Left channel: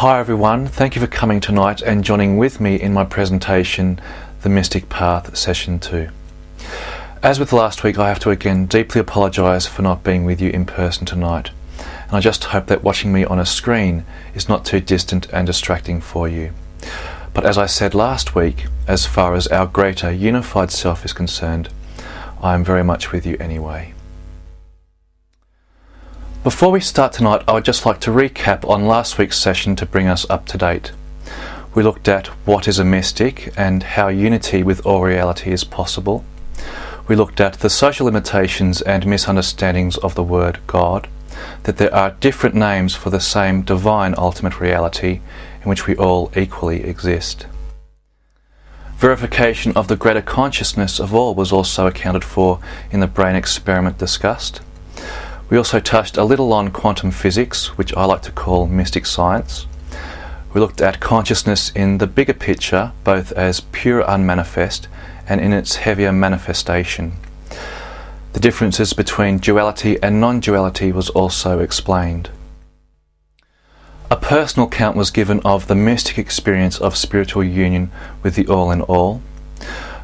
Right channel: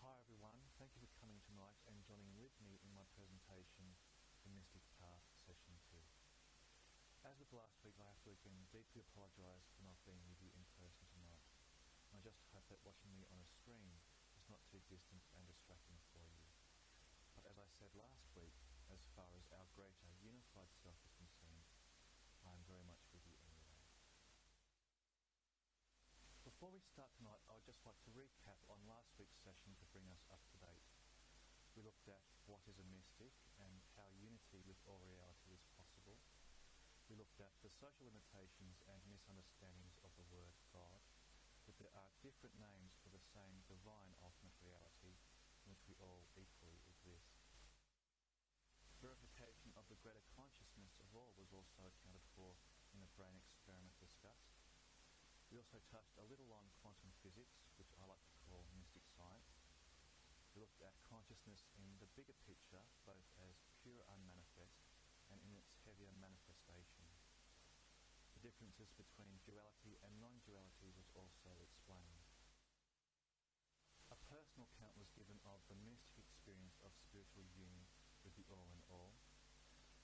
Hi everyone, thank you for coming tonight and joining with me in my presentation, The Mystic Path, Session 2. As with last week, I have to again deeply apologise for not being with you in person tonight, and I just hope that watching me on a screen is not too distant and distracting for you. But as I said last week, as far as our greater unified self is concerned, I am very much with you anyway. Before we start tonight, I would just like to recap on last week's session to bring us up to date. We looked at what is a mystic and how unity with all reality is possible. We looked at the social limitations and misunderstandings of the word God, that there are different names for the same divine ultimate reality in which we all equally exist. Verification of the greater consciousness of all was also accounted for in the brain experiment discussed. We also touched a little on quantum physics, which I like to call mystic science. We looked at consciousness in the bigger picture, both as pure unmanifest and in its heavier manifestation. The differences between duality and non-duality was also explained. A personal account was given of the mystic experience of spiritual union with the All in All.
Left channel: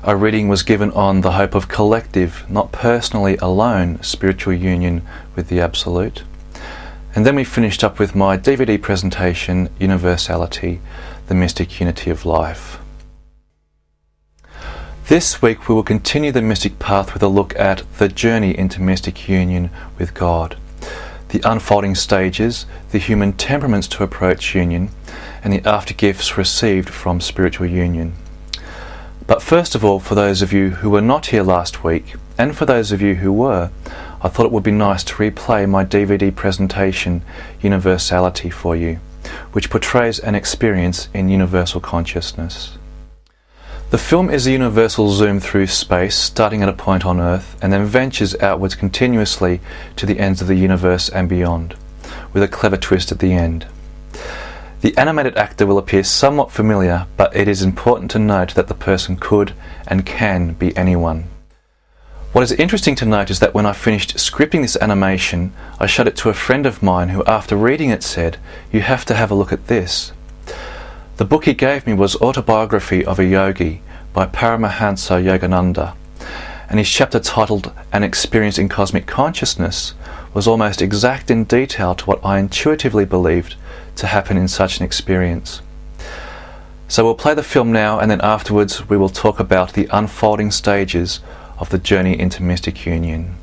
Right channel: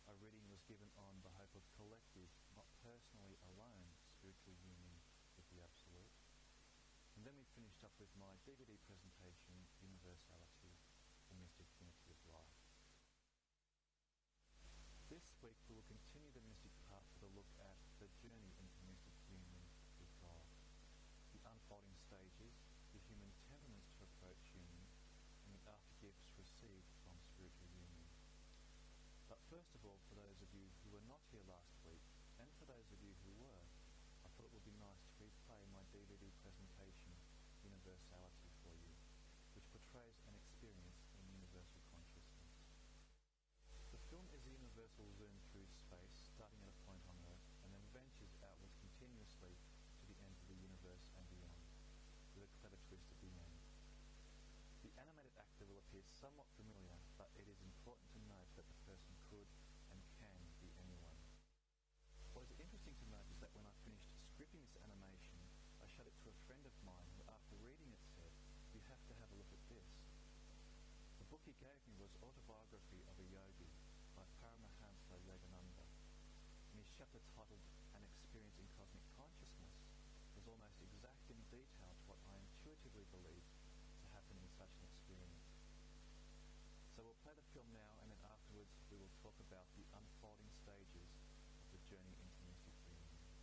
A reading was given on the hope of collective, not personally alone, spiritual union with the Absolute. And then we finished up with my DVD presentation, Universality, the Mystic Unity of Life. This week we will continue the mystic path with a look at the journey into mystic union with God, the unfolding stages, the human temperaments to approach union, and the aftergifts received from spiritual union. But first of all, for those of you who were not here last week, and for those of you who were, I thought it would be nice to replay my DVD presentation, Universality, for you, which portrays an experience in universal consciousness. The film is a universal zoom through space, starting at a point on Earth, and then ventures outwards continuously to the ends of the universe and beyond, with a clever twist at the end. The animated actor will appear somewhat familiar, but it is important to note that the person could and can be anyone. What is interesting to note is that when I finished scripting this animation, I showed it to a friend of mine who, after reading it, said, "You have to have a look at this." The book he gave me was Autobiography of a Yogi by Paramahansa Yogananda, and his chapter titled An Experience in Cosmic Consciousness was almost exact in detail to what I intuitively believed to happen in such an experience. So we'll play the film now, and then afterwards we will talk about the unfolding stages of the journey into mystic union.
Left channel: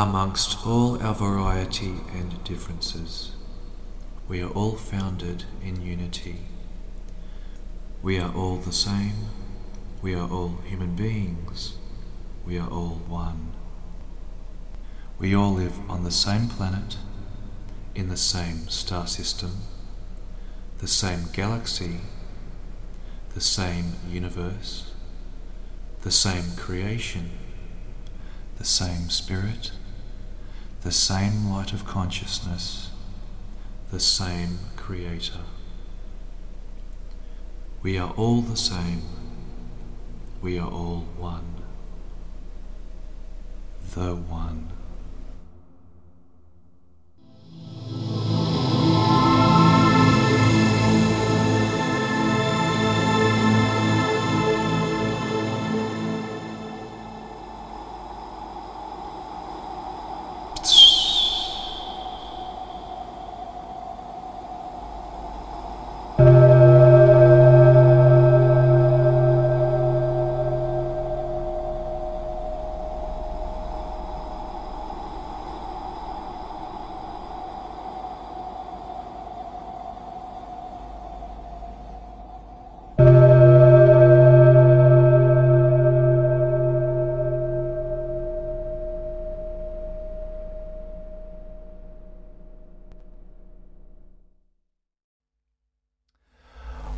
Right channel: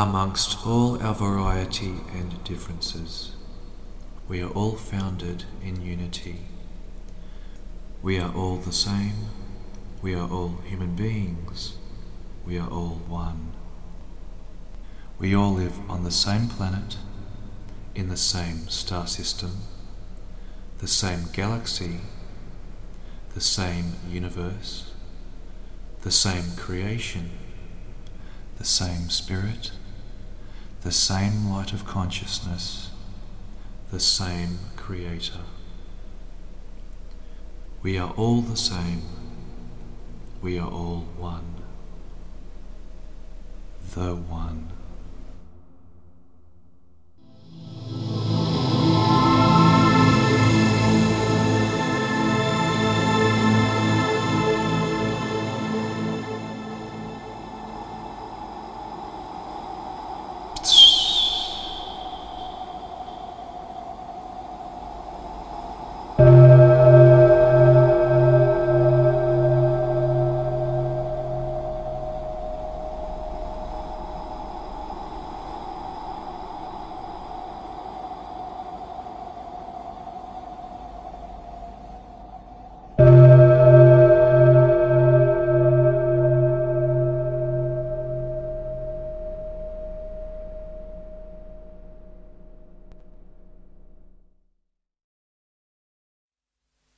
Amongst all our variety and differences, we are all founded in unity. We are all the same. We are all human beings. We are all one. We all live on the same planet, in the same star system, the same galaxy, the same universe, the same creation, the same spirit, the same light of consciousness, the same creator. We are all the same. We are all one. The One.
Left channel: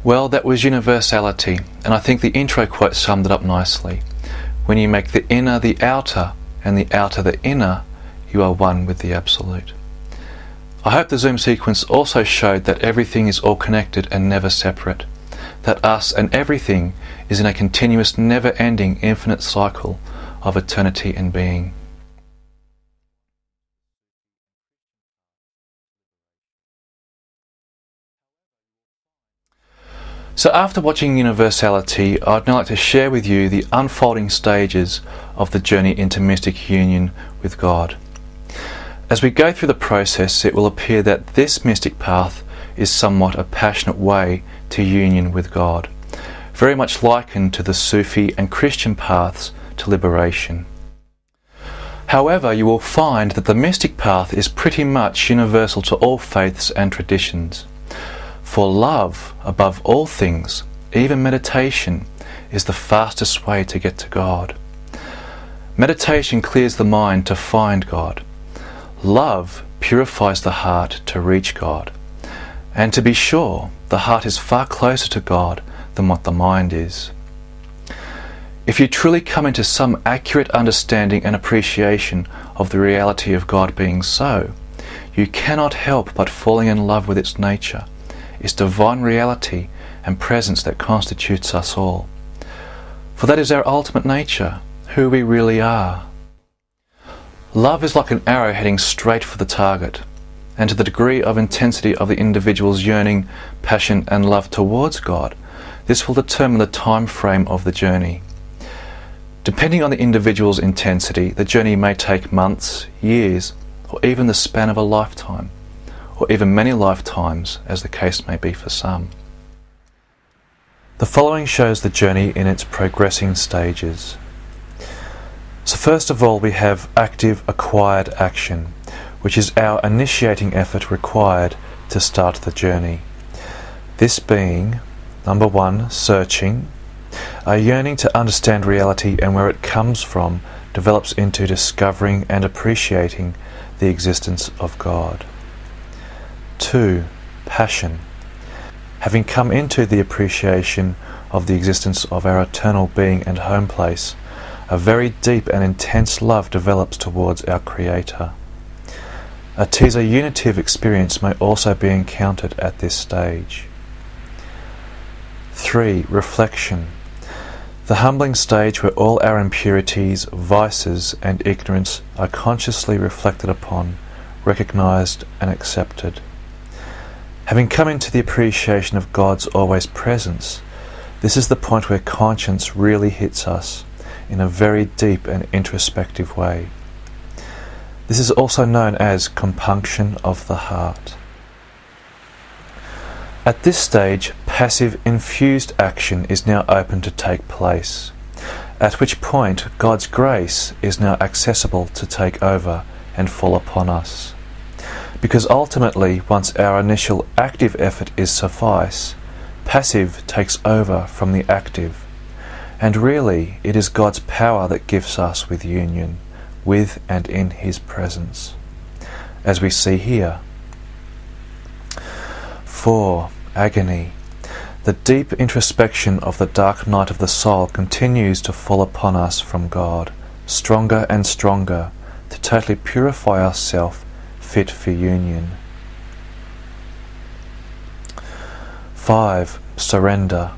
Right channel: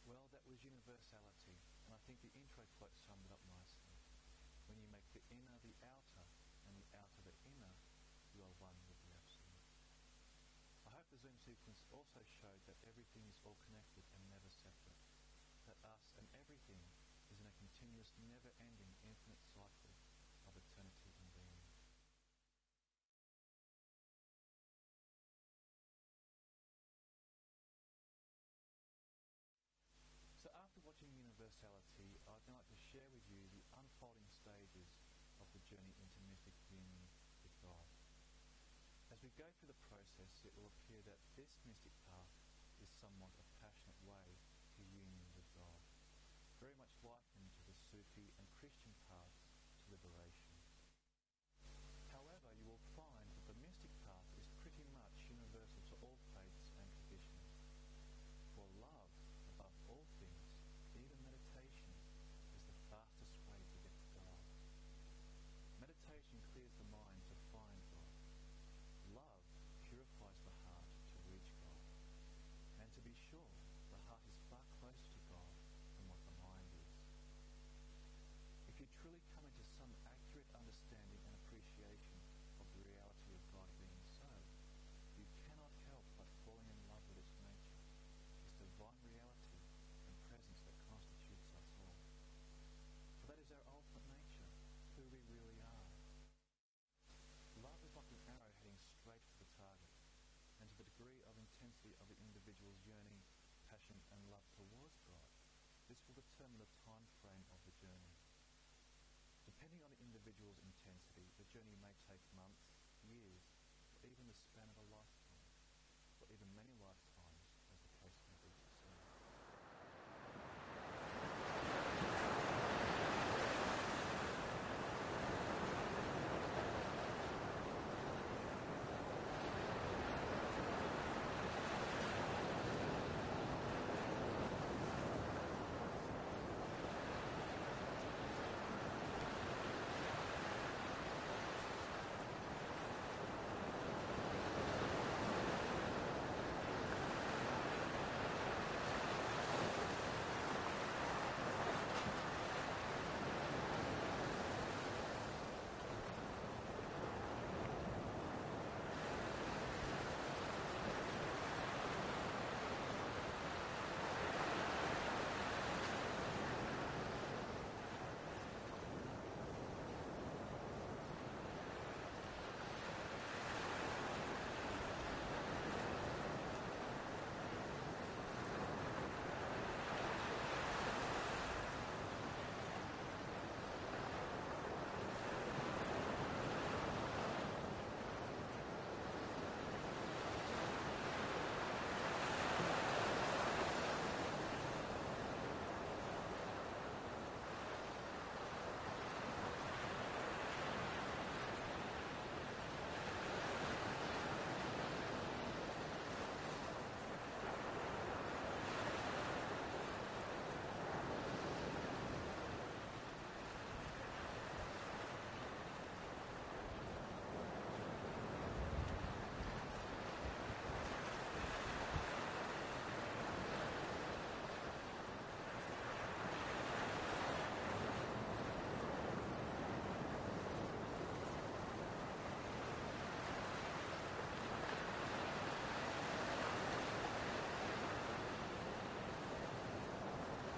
Well, that was Universality, and I think the intro quote summed it up nicely. When you make the inner the outer, and the outer the inner, you are one with the Absolute. I hope the Zoom sequence also showed that everything is all connected and never separate, that us and everything is in a continuous, never-ending, infinite cycle of eternity and being. So after watching Universality, I'd now like to share with you the unfolding stages of the journey into mystic union with God. As we go through the process, it will appear that this mystic path is somewhat a passionate way to union with God, very much likened to the Sufi and Christian paths to liberation. However, you will find that the mystic path is pretty much universal to all faiths and traditions. For love, above all things, even meditation, is the fastest way to get to God. Meditation clears the mind to find God. Love purifies the heart to reach God. And to be sure, the heart is far closer to God than what the mind is. If you truly come into some accurate understanding and appreciation of the reality of God being so, you cannot help but falling in love with its nature, its divine reality and presence that constitutes us all. For that is our ultimate nature, who we really are. Love is like an arrow heading straight for the target, and to the degree of intensity of the individual's yearning, passion and love towards God, this will determine the time frame of the journey. Depending on the individual's intensity, the journey may take months, years, or even the span of a lifetime, or even many lifetimes, as the case may be for some. The following shows the journey in its progressing stages. So first of all, we have active acquired action, which is our initiating effort required to start the journey. This being, number one, searching. A yearning to understand reality and where it comes from develops into discovering and appreciating the existence of God. 2. Passion. Having come into the appreciation of the existence of our eternal being and home place, a very deep and intense love develops towards our Creator. A teaser unitive experience may also be encountered at this stage. 3. Reflection. The humbling stage where all our impurities, vices and ignorance are consciously reflected upon, recognized and accepted. Having come into the appreciation of God's always presence, this is the point where conscience really hits us in a very deep and introspective way. This is also known as compunction of the heart. At this stage, passive infused action is now open to take place. at which point God's grace is now accessible to take over and fall upon us. Because ultimately, once our initial active effort is suffice, passive takes over from the active. And really, it is God's power that gifts us with union, with and in His presence, as we see here. 4. Agony. The deep introspection of the dark night of the soul continues to fall upon us from God, stronger and stronger, to totally purify ourselves, fit for union. 5. Surrender.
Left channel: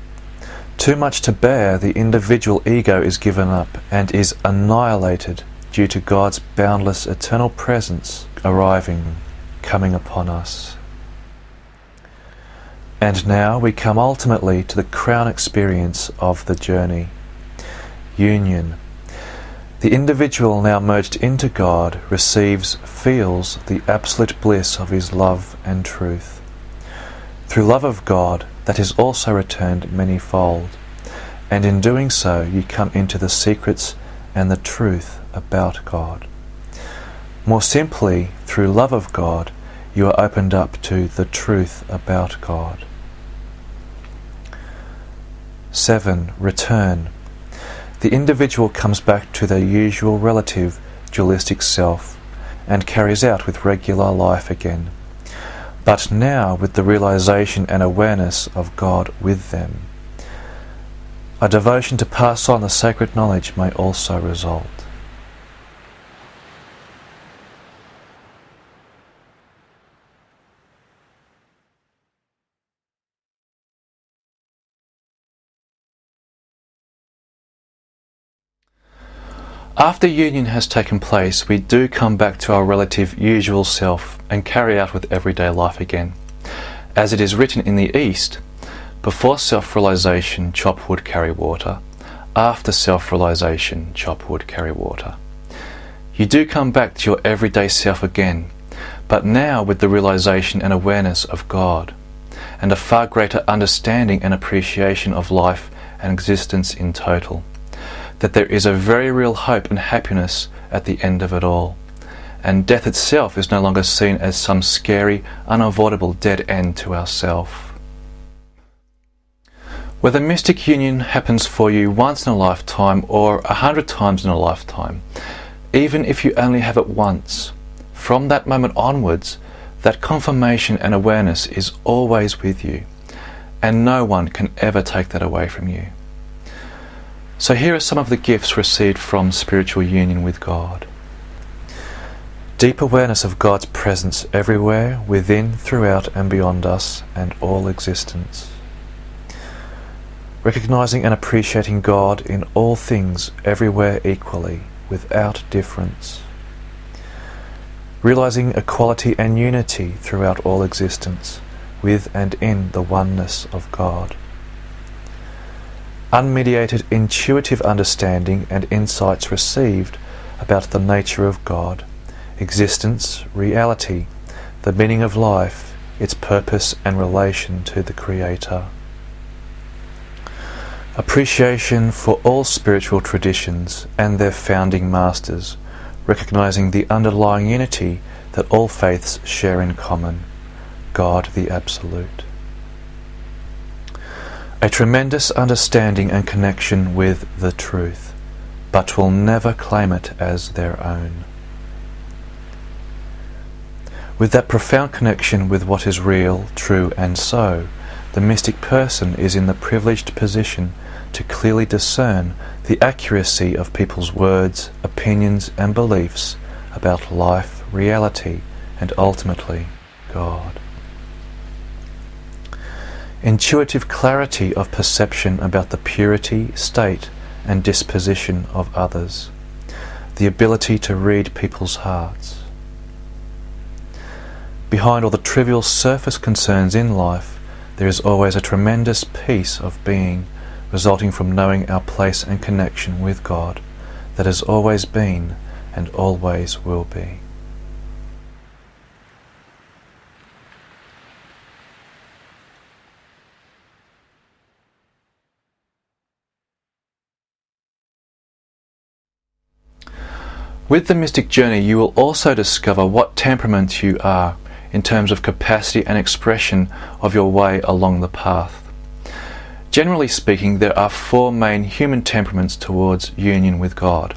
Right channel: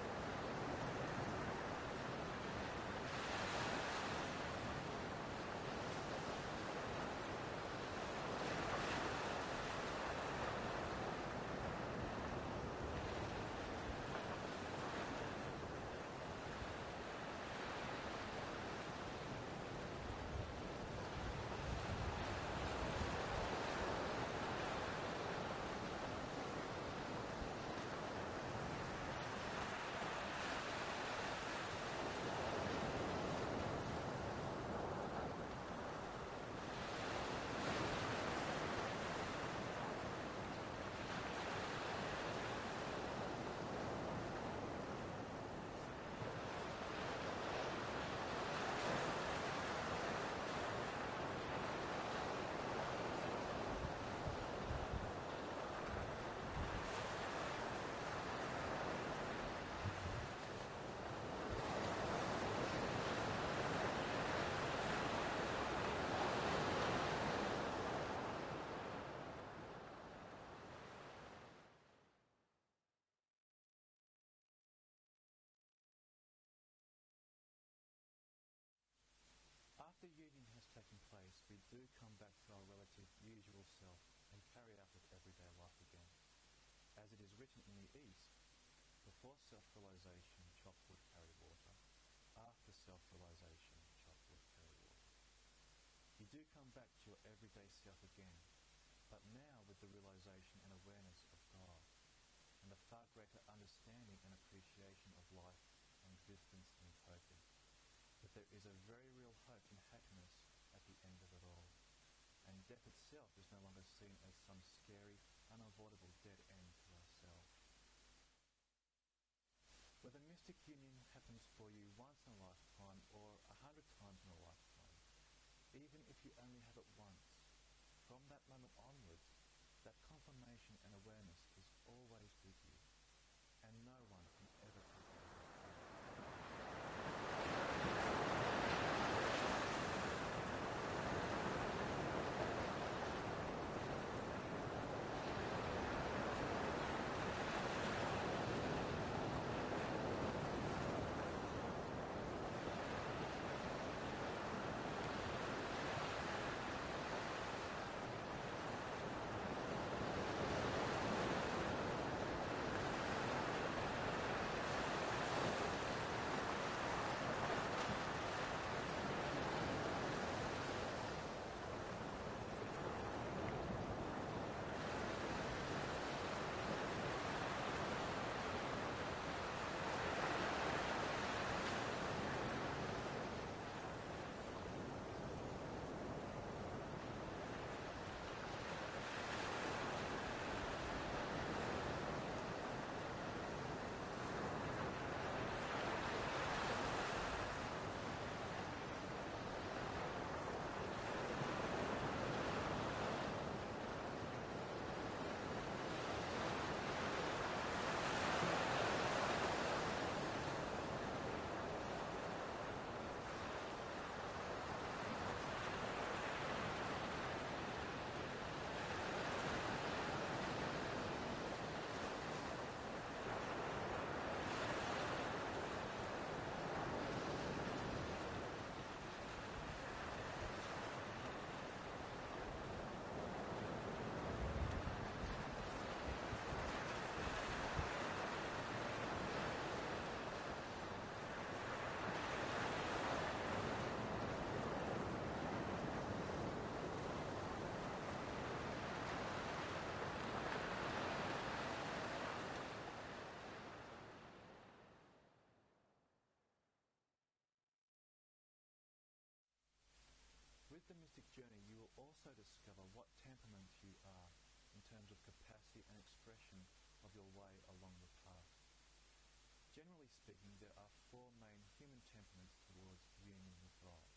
Too much to bear, the individual ego is given up and is annihilated due to God's boundless eternal presence arriving, coming upon us. And now we come ultimately to the crown experience of the journey. Union. The individual now merged into God receives, feels the absolute bliss of his love and truth. Through love of God, that is also returned manyfold, and in doing so you come into the secrets and the truth about God. More simply, through love of God, you are opened up to the truth about God. 7. Return. The individual comes back to their usual relative dualistic self and carries out with regular life again, but now with the realization and awareness of God with them. A devotion to pass on the sacred knowledge may also result. After union has taken place, we do come back to our relative usual self and carry out with everyday life again. As it is written in the East, before self-realization, chop wood, carry water. After self-realization, chop wood, carry water. You do come back to your everyday self again, but now with the realization and awareness of God, and a far greater understanding and appreciation of life and existence in total. That there is a very real hope and happiness at the end of it all, and death itself is no longer seen as some scary, unavoidable dead end to ourself. Whether mystic union happens for you once in a lifetime or 100 times in a lifetime, even if you only have it once, from that moment onwards, that confirmation and awareness is always with you, and no one can ever take that away from you. So here are some of the gifts received from spiritual union with God. Deep awareness of God's presence everywhere, within, throughout and beyond us and all existence. Recognizing and appreciating God in all things, everywhere equally, without difference. Realizing equality and unity throughout all existence, with and in the oneness of God. Unmediated intuitive understanding and insights received about the nature of God, existence, reality, the meaning of life, its purpose and relation to the Creator. Appreciation for all spiritual traditions and their founding masters, recognizing the underlying unity that all faiths share in common, God the Absolute. A tremendous understanding and connection with the truth, but will never claim it as their own. With that profound connection with what is real, true and so, the mystic person is in the privileged position to clearly discern the accuracy of people's words, opinions and beliefs about life, reality and ultimately God. Intuitive clarity of perception about the purity, state and disposition of others. The ability to read people's hearts. Behind all the trivial surface concerns in life, there is always a tremendous peace of being resulting from knowing our place and connection with God that has always been and always will be. With the mystic journey, you will also discover what temperament you are in terms of capacity and expression of your way along the path. Generally speaking, there are 4 main human temperaments towards union with God,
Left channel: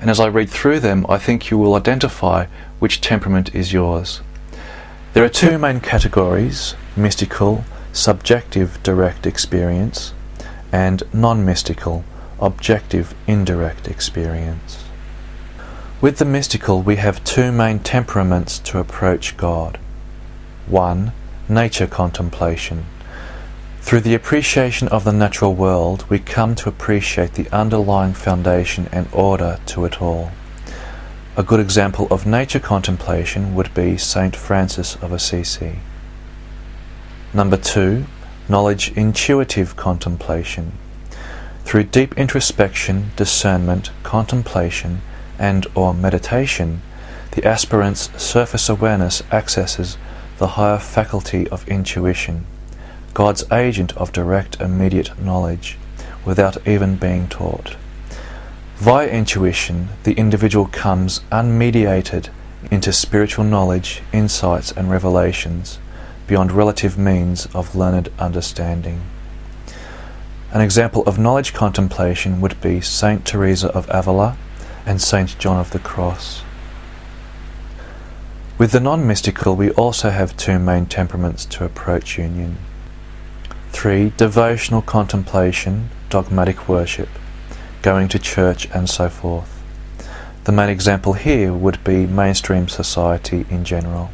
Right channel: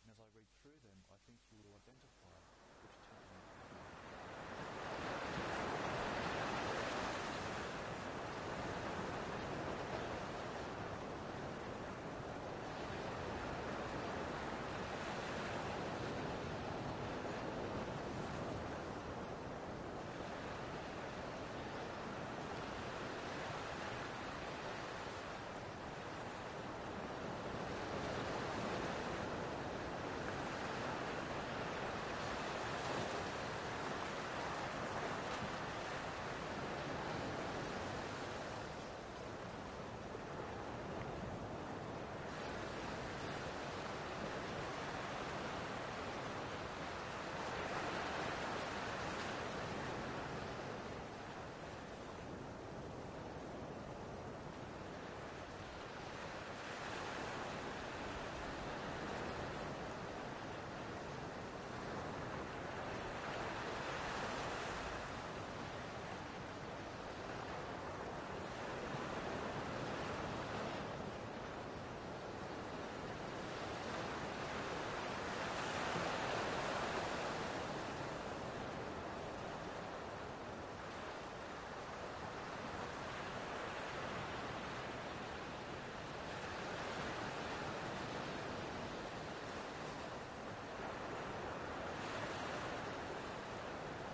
and as I read through them, I think you will identify which temperament is yours. There are 2 main categories: mystical, subjective direct experience, and non-mystical, objective indirect experience. With the mystical, we have 2 main temperaments to approach God. 1. Nature contemplation. Through the appreciation of the natural world, we come to appreciate the underlying foundation and order to it all. A good example of nature contemplation would be Saint Francis of Assisi. Number 2. Knowledge intuitive contemplation. Through deep introspection, discernment, contemplation, and/or meditation, the aspirant's surface awareness accesses the higher faculty of intuition, God's agent of direct immediate knowledge, without even being taught. Via intuition, the individual comes unmediated into spiritual knowledge, insights and revelations beyond relative means of learned understanding. An example of knowledge contemplation would be Saint Teresa of Avila and Saint John of the Cross. With the non-mystical, we also have 2 main temperaments to approach union. 3. Devotional contemplation, dogmatic worship, going to church and so forth. The main example here would be mainstream society in general.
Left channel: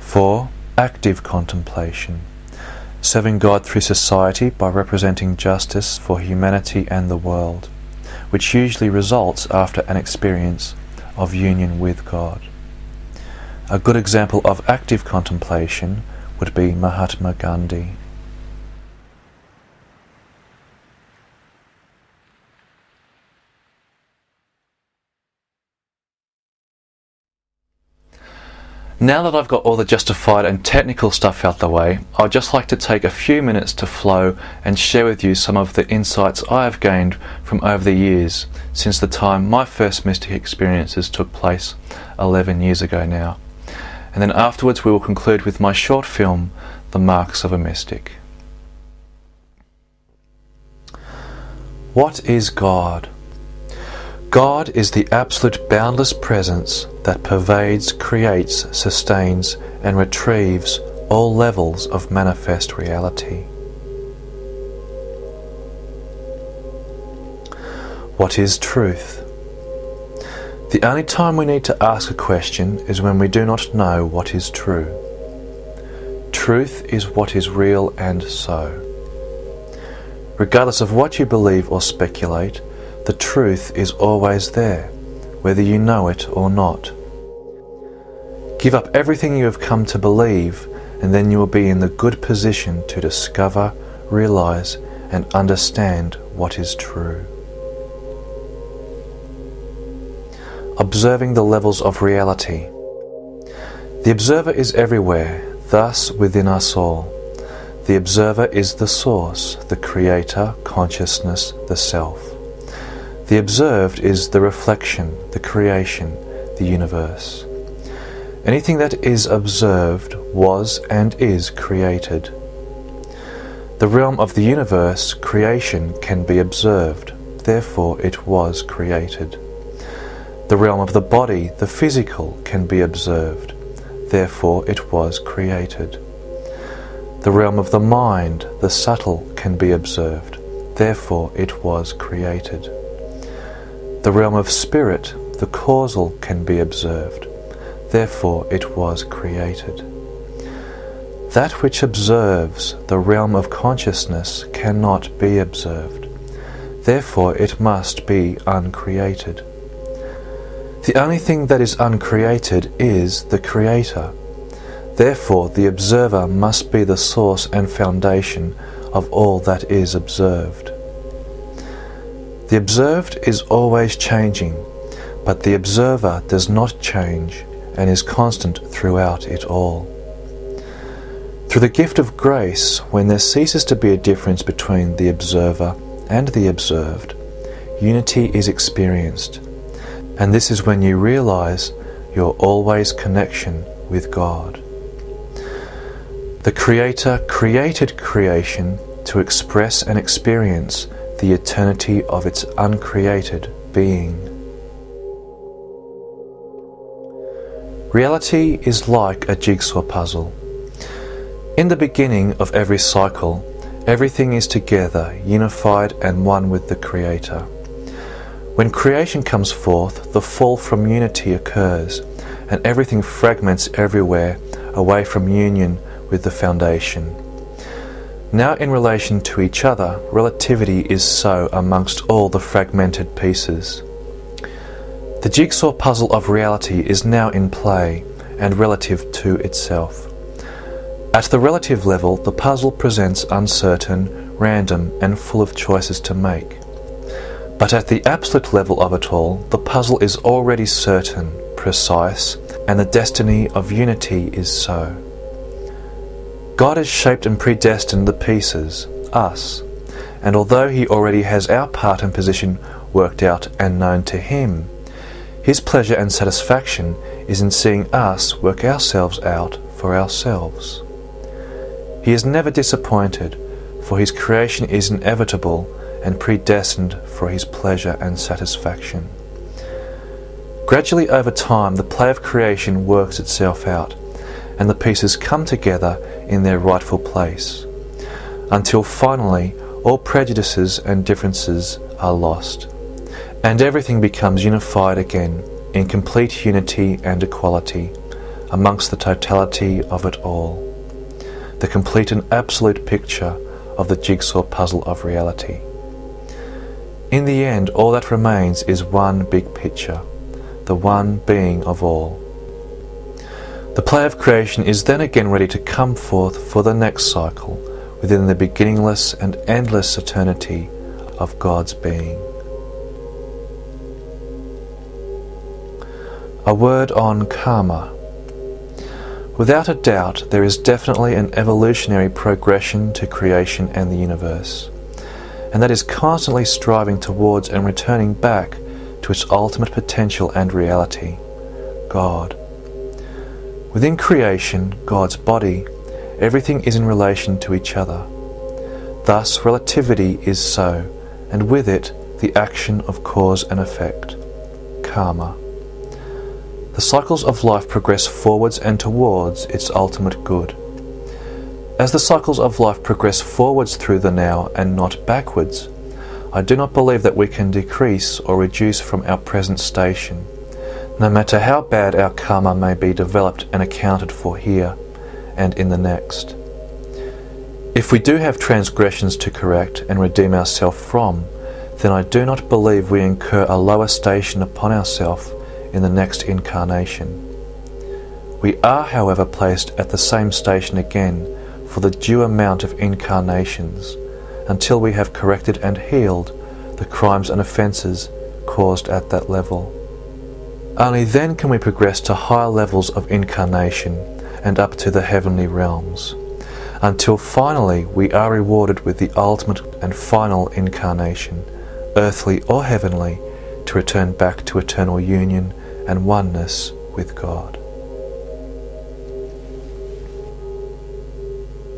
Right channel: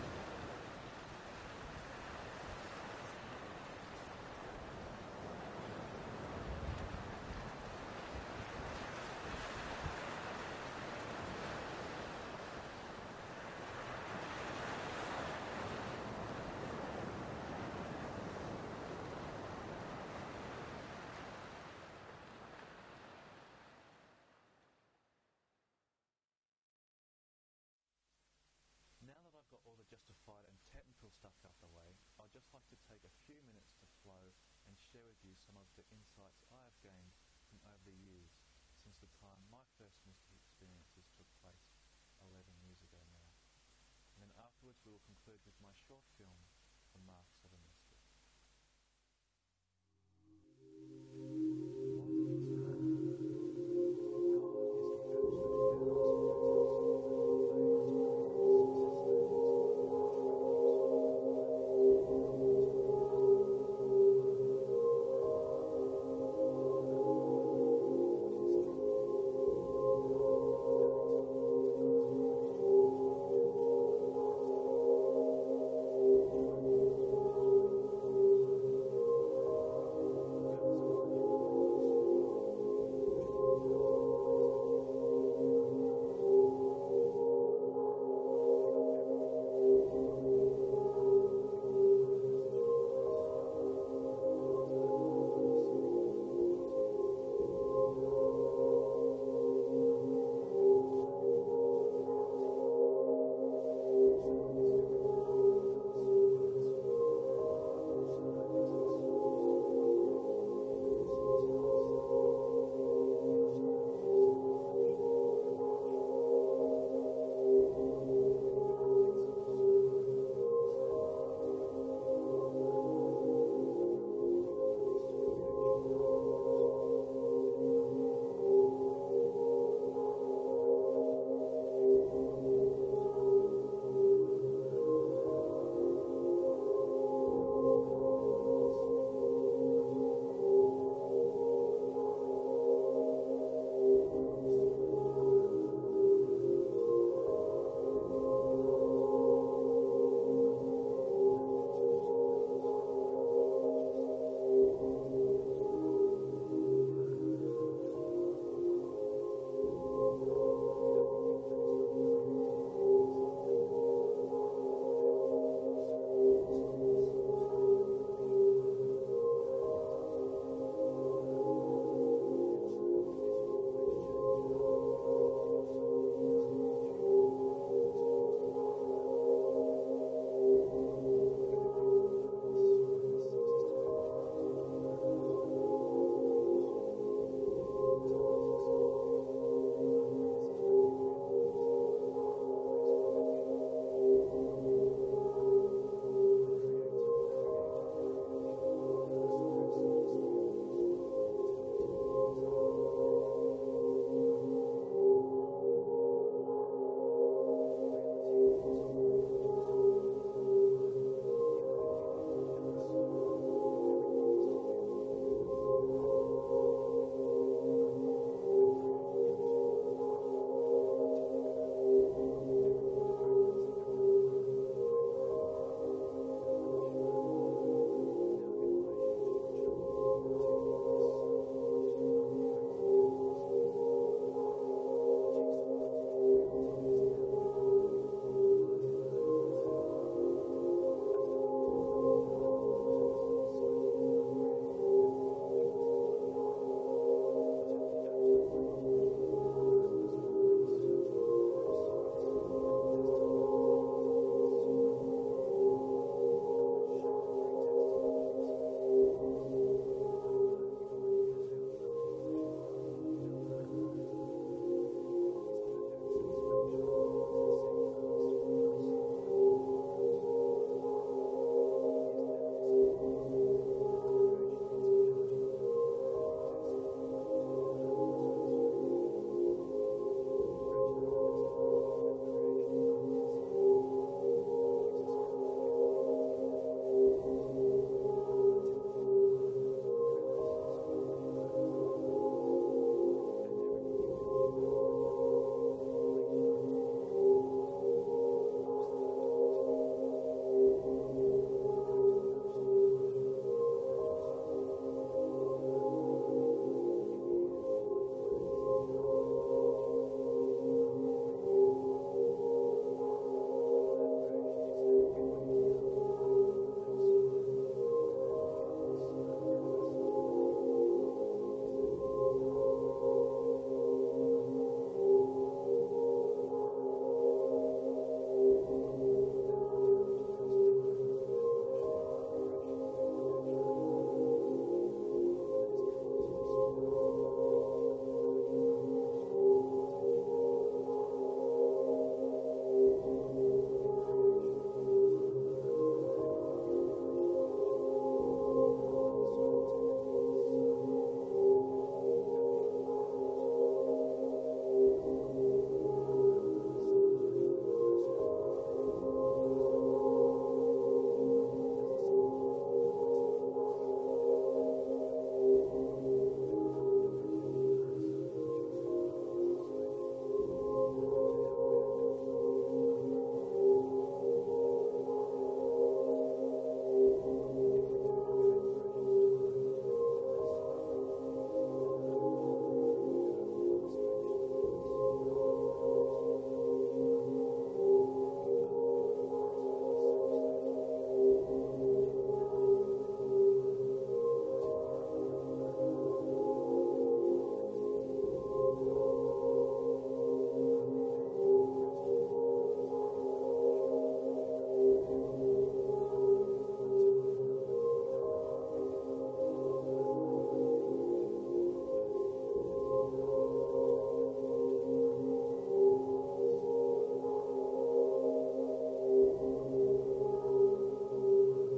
4. Active contemplation, serving God through society by representing justice for humanity and the world, which usually results after an experience of union with God. A good example of active contemplation would be Mahatma Gandhi. Now that I've got all the justified and technical stuff out the way, I'd just like to take a few minutes to flow and share with you some of the insights I have gained from over the years, since the time my first mystic experiences took place 11 years ago now. And then afterwards we will conclude with my short film, The Marks of a Mystic. What is God? God is the absolute boundless presence that pervades, creates, sustains, and retrieves all levels of manifest reality. What is truth? The only time we need to ask a question is when we do not know what is true. Truth is what is real and so. Regardless of what you believe or speculate, the truth is always there, whether you know it or not. Give up everything you have come to believe, and then you will be in the good position to discover, realize, and understand what is true. Observing the levels of reality. The observer is everywhere, thus within us all. The observer is the source, the creator, consciousness, the self. The observed is the reflection, the creation, the universe. Anything that is observed was and is created. The realm of the universe, creation, can be observed, therefore it was created. The realm of the body, the physical, can be observed, therefore it was created. The realm of the mind, the subtle, can be observed, therefore it was created. The realm of spirit, the causal, can be observed, therefore it was created. That which observes, the realm of consciousness, cannot be observed, therefore it must be uncreated. The only thing that is uncreated is the Creator, therefore the observer must be the source and foundation of all that is observed. The observed is always changing, but the observer does not change and is constant throughout it all. Through the gift of grace, when there ceases to be a difference between the observer and the observed, unity is experienced, And this is when you realize your always connection with God. The Creator created creation to express and experience the eternity of its uncreated being. Reality is like a jigsaw puzzle. In the beginning of every cycle, everything is together, unified and one with the Creator. When creation comes forth, the fall from unity occurs, and everything fragments everywhere away from union with the foundation. Now in relation to each other, relativity is so amongst all the fragmented pieces. The jigsaw puzzle of reality is now in play and relative to itself. At the relative level, the puzzle presents uncertain, random, and full of choices to make. But at the absolute level of it all, the puzzle is already certain, precise, and the destiny of unity is so. God has shaped and predestined the pieces, us, and although He already has our part and position worked out and known to Him, His pleasure and satisfaction is in seeing us work ourselves out for ourselves. He is never disappointed, for His creation is inevitable and predestined for His pleasure and satisfaction. Gradually over time, the play of creation works itself out, and the pieces come together in their rightful place, until finally all prejudices and differences are lost, and everything becomes unified again in complete unity and equality amongst the totality of it all, the complete and absolute picture of the jigsaw puzzle of reality. In the end, all that remains is one big picture, the one being of all. The play of creation is then again ready to come forth for the next cycle within the beginningless and endless eternity of God's being. A word on karma. Without a doubt, there is definitely an evolutionary progression to creation and the universe, and that is constantly striving towards and returning back to its ultimate potential and reality, God. Within creation, God's body, everything is in relation to each other. Thus, relativity is so, and with it, the action of cause and effect, karma. The cycles of life progress forwards and towards its ultimate good. As the cycles of life progress forwards through the now and not backwards, I do not believe that we can decrease or reduce from our present station, no matter how bad our karma may be developed and accounted for here and in the next. If we do have transgressions to correct and redeem ourselves from, then I do not believe we incur a lower station upon ourselves in the next incarnation. We are, however, placed at the same station again for the due amount of incarnations, until we have corrected and healed the crimes and offences caused at that level. Only then can we progress to higher levels of incarnation and up to the heavenly realms, until finally we are rewarded with the ultimate and final incarnation, earthly or heavenly, to return back to eternal union and oneness with God.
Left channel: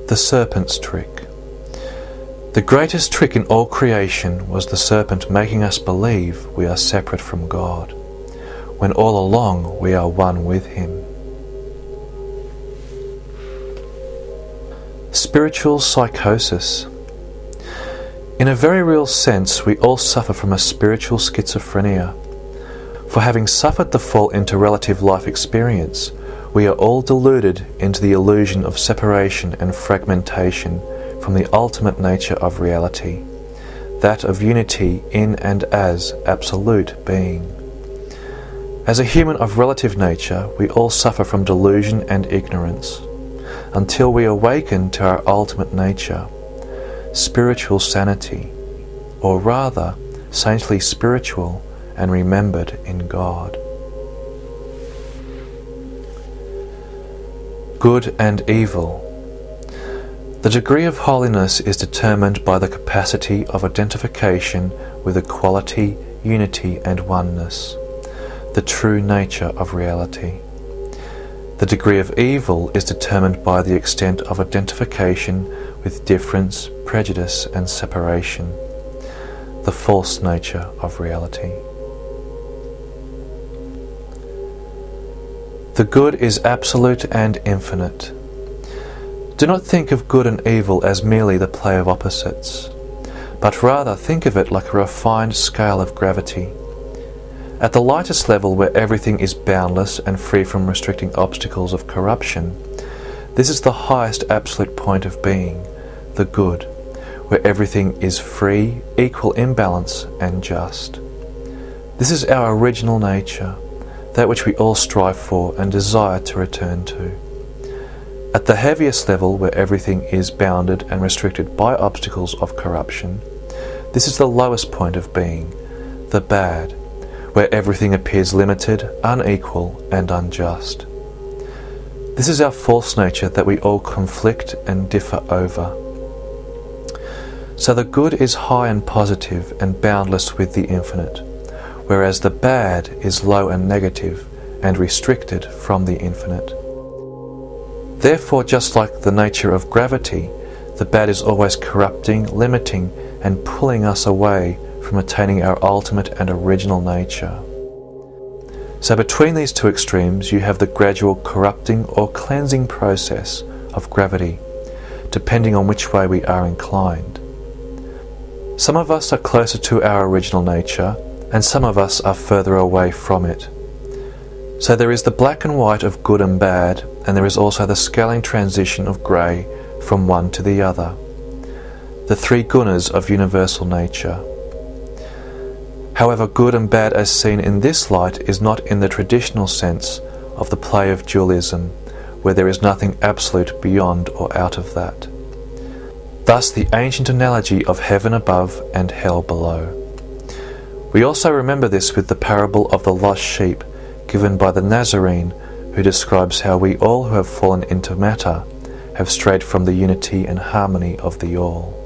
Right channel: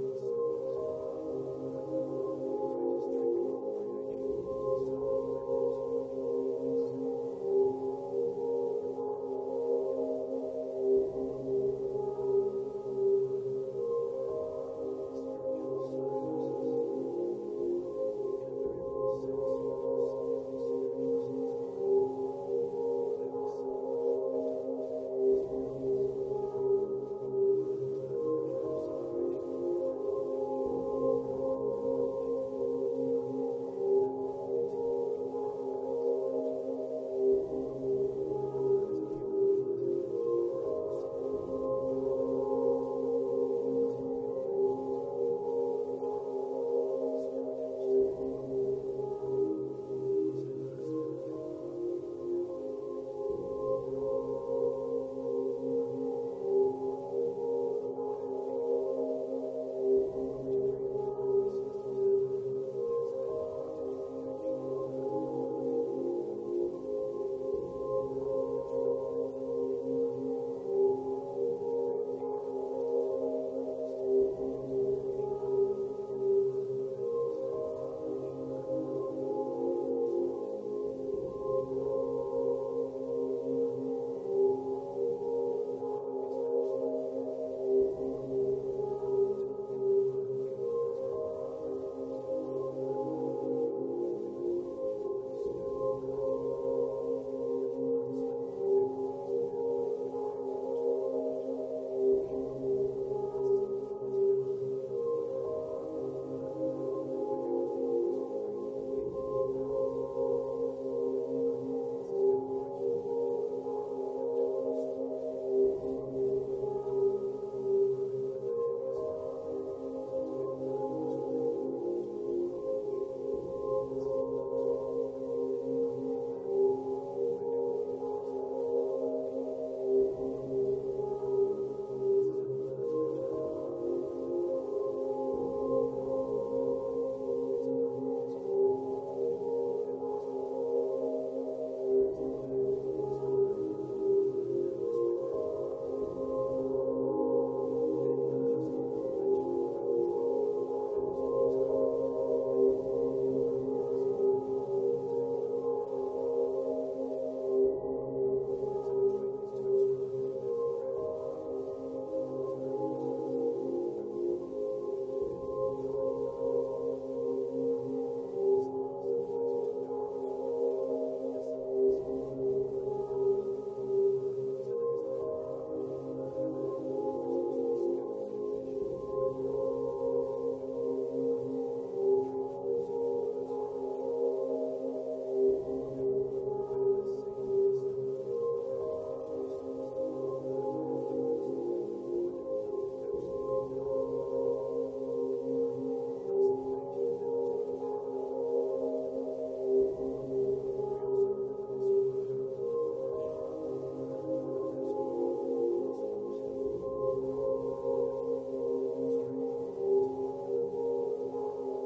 The serpent's trick. The greatest trick in all creation was the serpent making us believe we are separate from God, when all along we are one with Him. Spiritual psychosis. In a very real sense, we all suffer from a spiritual schizophrenia. For having suffered the fall into relative life experience, we are all deluded into the illusion of separation and fragmentation from the ultimate nature of reality, that of unity in and as absolute being. As a human of relative nature, we all suffer from delusion and ignorance, until we awaken to our ultimate nature, spiritual sanity, or rather, saintly spiritual and remembered in God. Good and evil. The degree of holiness is determined by the capacity of identification with equality, unity and oneness. the true nature of reality. The degree of evil is determined by the extent of identification with difference, prejudice and separation, the false nature of reality. The good is absolute and infinite. Do not think of good and evil as merely the play of opposites, but rather think of it like a refined scale of gravity. At the lightest level, where everything is boundless and free from restricting obstacles of corruption, this is the highest absolute point of being, the good, where everything is free, equal in balance and just. This is our original nature, that which we all strive for and desire to return to. At the heaviest level, where everything is bounded and restricted by obstacles of corruption, this is the lowest point of being, the bad, where everything appears limited, unequal and unjust. This is our false nature that we all conflict and differ over. So the good is high and positive and boundless with the infinite, whereas the bad is low and negative and restricted from the infinite. Therefore, just like the nature of gravity, the bad is always corrupting, limiting, and pulling us away from attaining our ultimate and original nature. So between these two extremes, you have the gradual corrupting or cleansing process of gravity, depending on which way we are inclined. Some of us are closer to our original nature, and some of us are further away from it. So there is the black and white of good and bad, and there is also the scaling transition of grey from one to the other, the three gunas of universal nature. However, good and bad as seen in this light is not in the traditional sense of the play of dualism, where there is nothing absolute beyond or out of that. Thus the ancient analogy of heaven above and hell below. We also remember this with the parable of the lost sheep given by the Nazarene, who describes how we all who have fallen into matter have strayed from the unity and harmony of the all.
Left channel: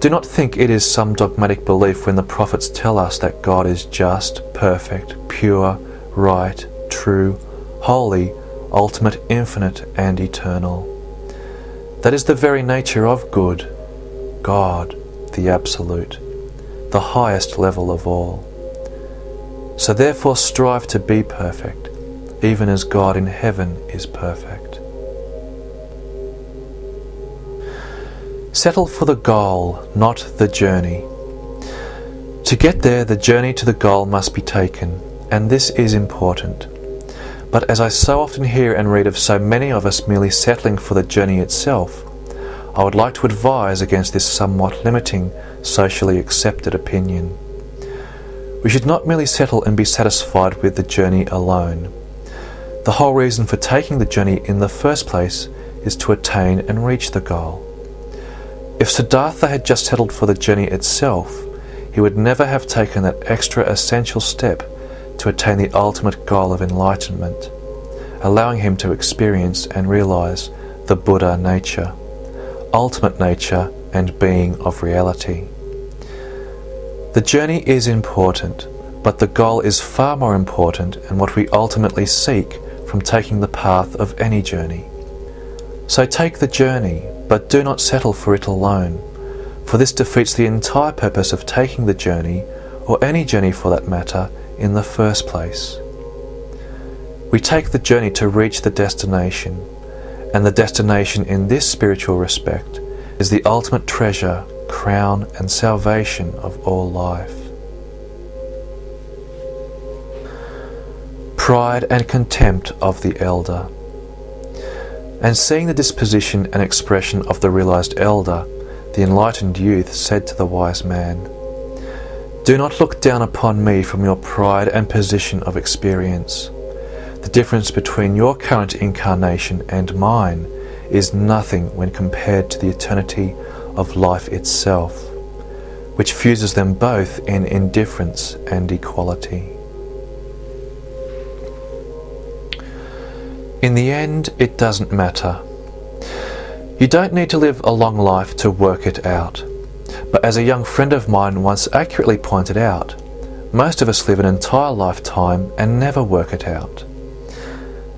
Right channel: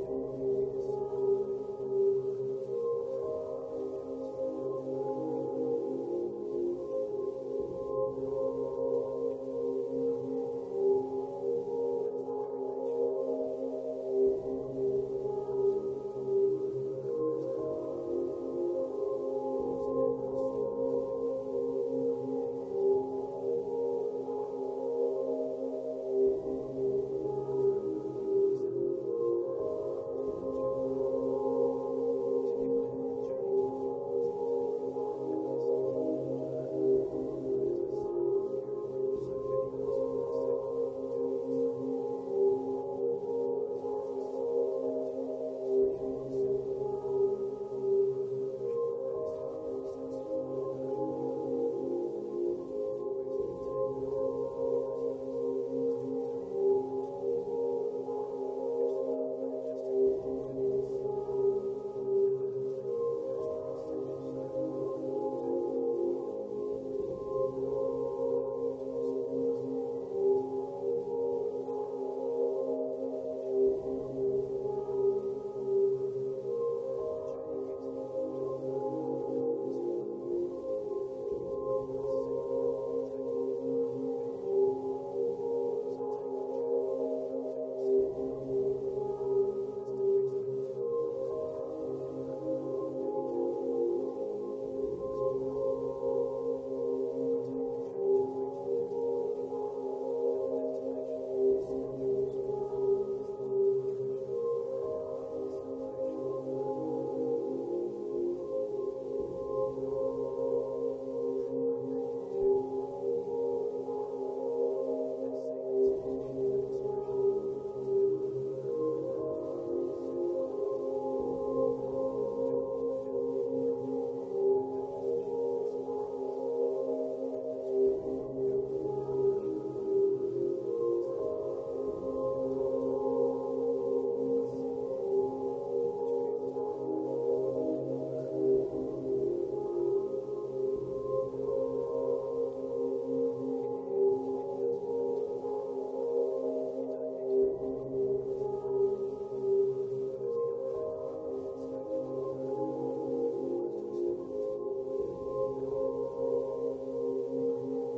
Do not think it is some dogmatic belief when the prophets tell us that God is just, perfect, pure, right, true, holy, ultimate, infinite, and eternal. That is the very nature of good, God, the Absolute, the highest level of all. So therefore strive to be perfect, even as God in heaven is perfect. Settle for the goal, not the journey. To get there, the journey to the goal must be taken, and this is important. But as I so often hear and read of so many of us merely settling for the journey itself, I would like to advise against this somewhat limiting, socially accepted opinion. We should not merely settle and be satisfied with the journey alone. The whole reason for taking the journey in the first place is to attain and reach the goal. If Siddhartha had just settled for the journey itself, he would never have taken that extra essential step to attain the ultimate goal of enlightenment, allowing him to experience and realize the Buddha nature, ultimate nature and being of reality. The journey is important, but the goal is far more important and what we ultimately seek from taking the path of any journey. So take the journey, but do not settle for it alone, for this defeats the entire purpose of taking the journey, or any journey for that matter, in the first place. We take the journey to reach the destination, and the destination in this spiritual respect is the ultimate treasure, crown and salvation of all life. Pride and contempt of the elder. And seeing the disposition and expression of the realized elder, the enlightened youth said to the wise man, "Do not look down upon me from your pride and position of experience. The difference between your current incarnation and mine is nothing when compared to the eternity of life itself, which fuses them both in indifference and equality." In the end, it doesn't matter. You don't need to live a long life to work it out. But as a young friend of mine once accurately pointed out, most of us live an entire lifetime and never work it out.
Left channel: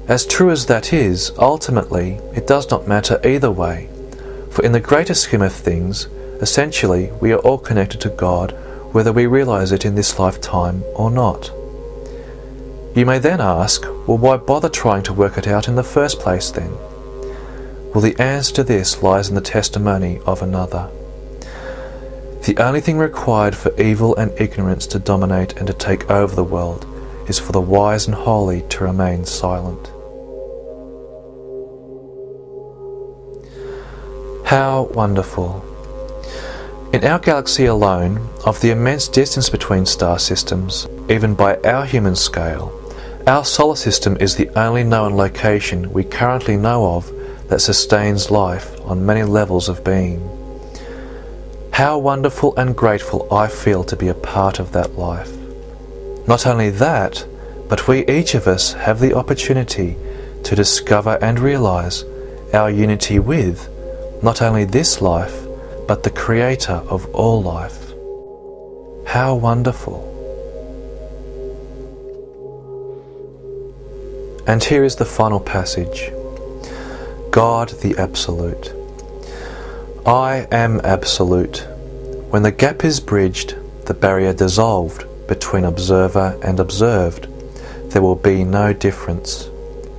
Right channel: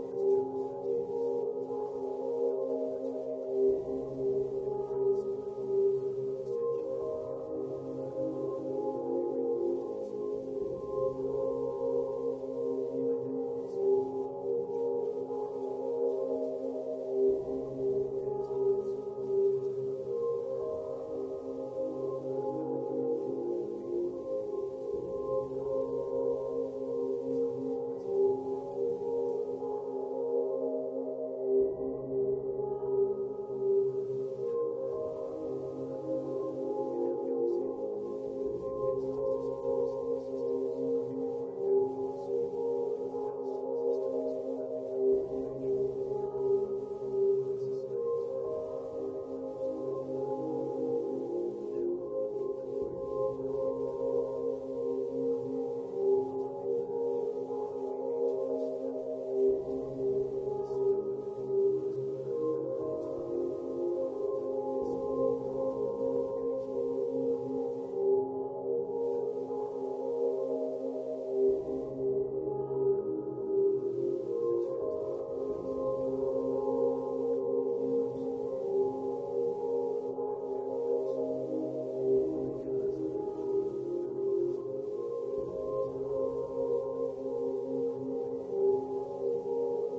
As true as that is, ultimately, it does not matter either way, for in the greater scheme of things, essentially we are all connected to God, whether we realize it in this lifetime or not. You may then ask, well, why bother trying to work it out in the first place then? Well, the answer to this lies in the testimony of another. The only thing required for evil and ignorance to dominate and to take over the world is for the wise and holy to remain silent. How wonderful! In our galaxy alone, of the immense distance between star systems, even by our human scale, our solar system is the only known location we currently know of that sustains life on many levels of being. How wonderful and grateful I feel to be a part of that life. Not only that, but we each of us have the opportunity to discover and realize our unity with not only this life, but the Creator of all life. How wonderful! And here is the final passage. God the Absolute. I am absolute. When the gap is bridged, the barrier dissolved between observer and observed, there will be no difference,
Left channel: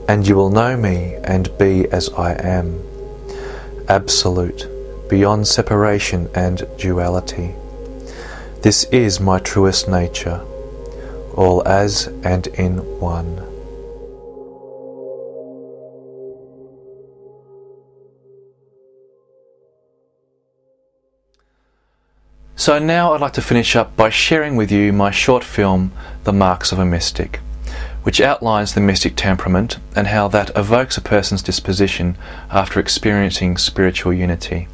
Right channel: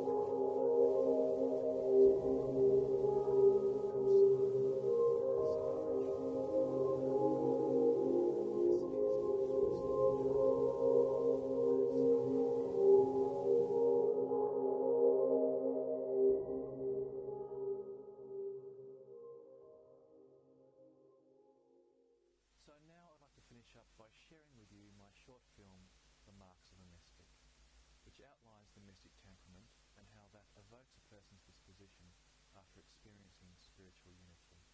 and you will know me and be as I am. Absolute, beyond separation and duality. This is my truest nature, all as and in one. So now I'd like to finish up by sharing with you my short film, The Marks of a Mystic, which outlines the mystic temperament and how that evokes a person's disposition after experiencing spiritual unity.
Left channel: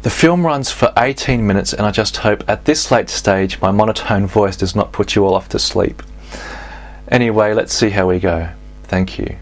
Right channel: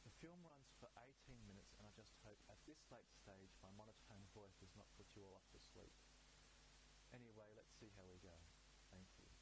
The film runs for 18 minutes, and I just hope at this late stage my monotone voice does not put you all off to sleep. Anyway, let's see how we go. Thank you.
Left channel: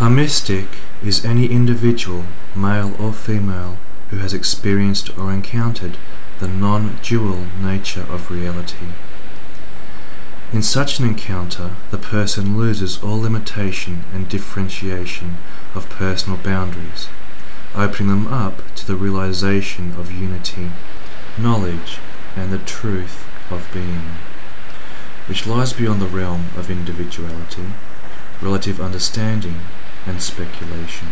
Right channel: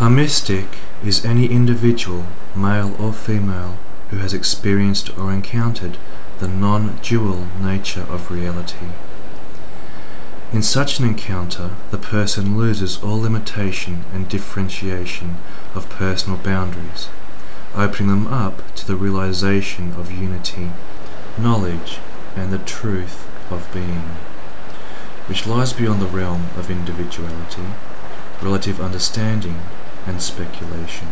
A mystic is any individual, male or female, who has experienced or encountered the non-dual nature of reality. In such an encounter, the person loses all limitation and differentiation of personal boundaries, opening them up to the realization of unity, knowledge, and the truth of being, which lies beyond the realm of individuality, relative understanding, and speculation.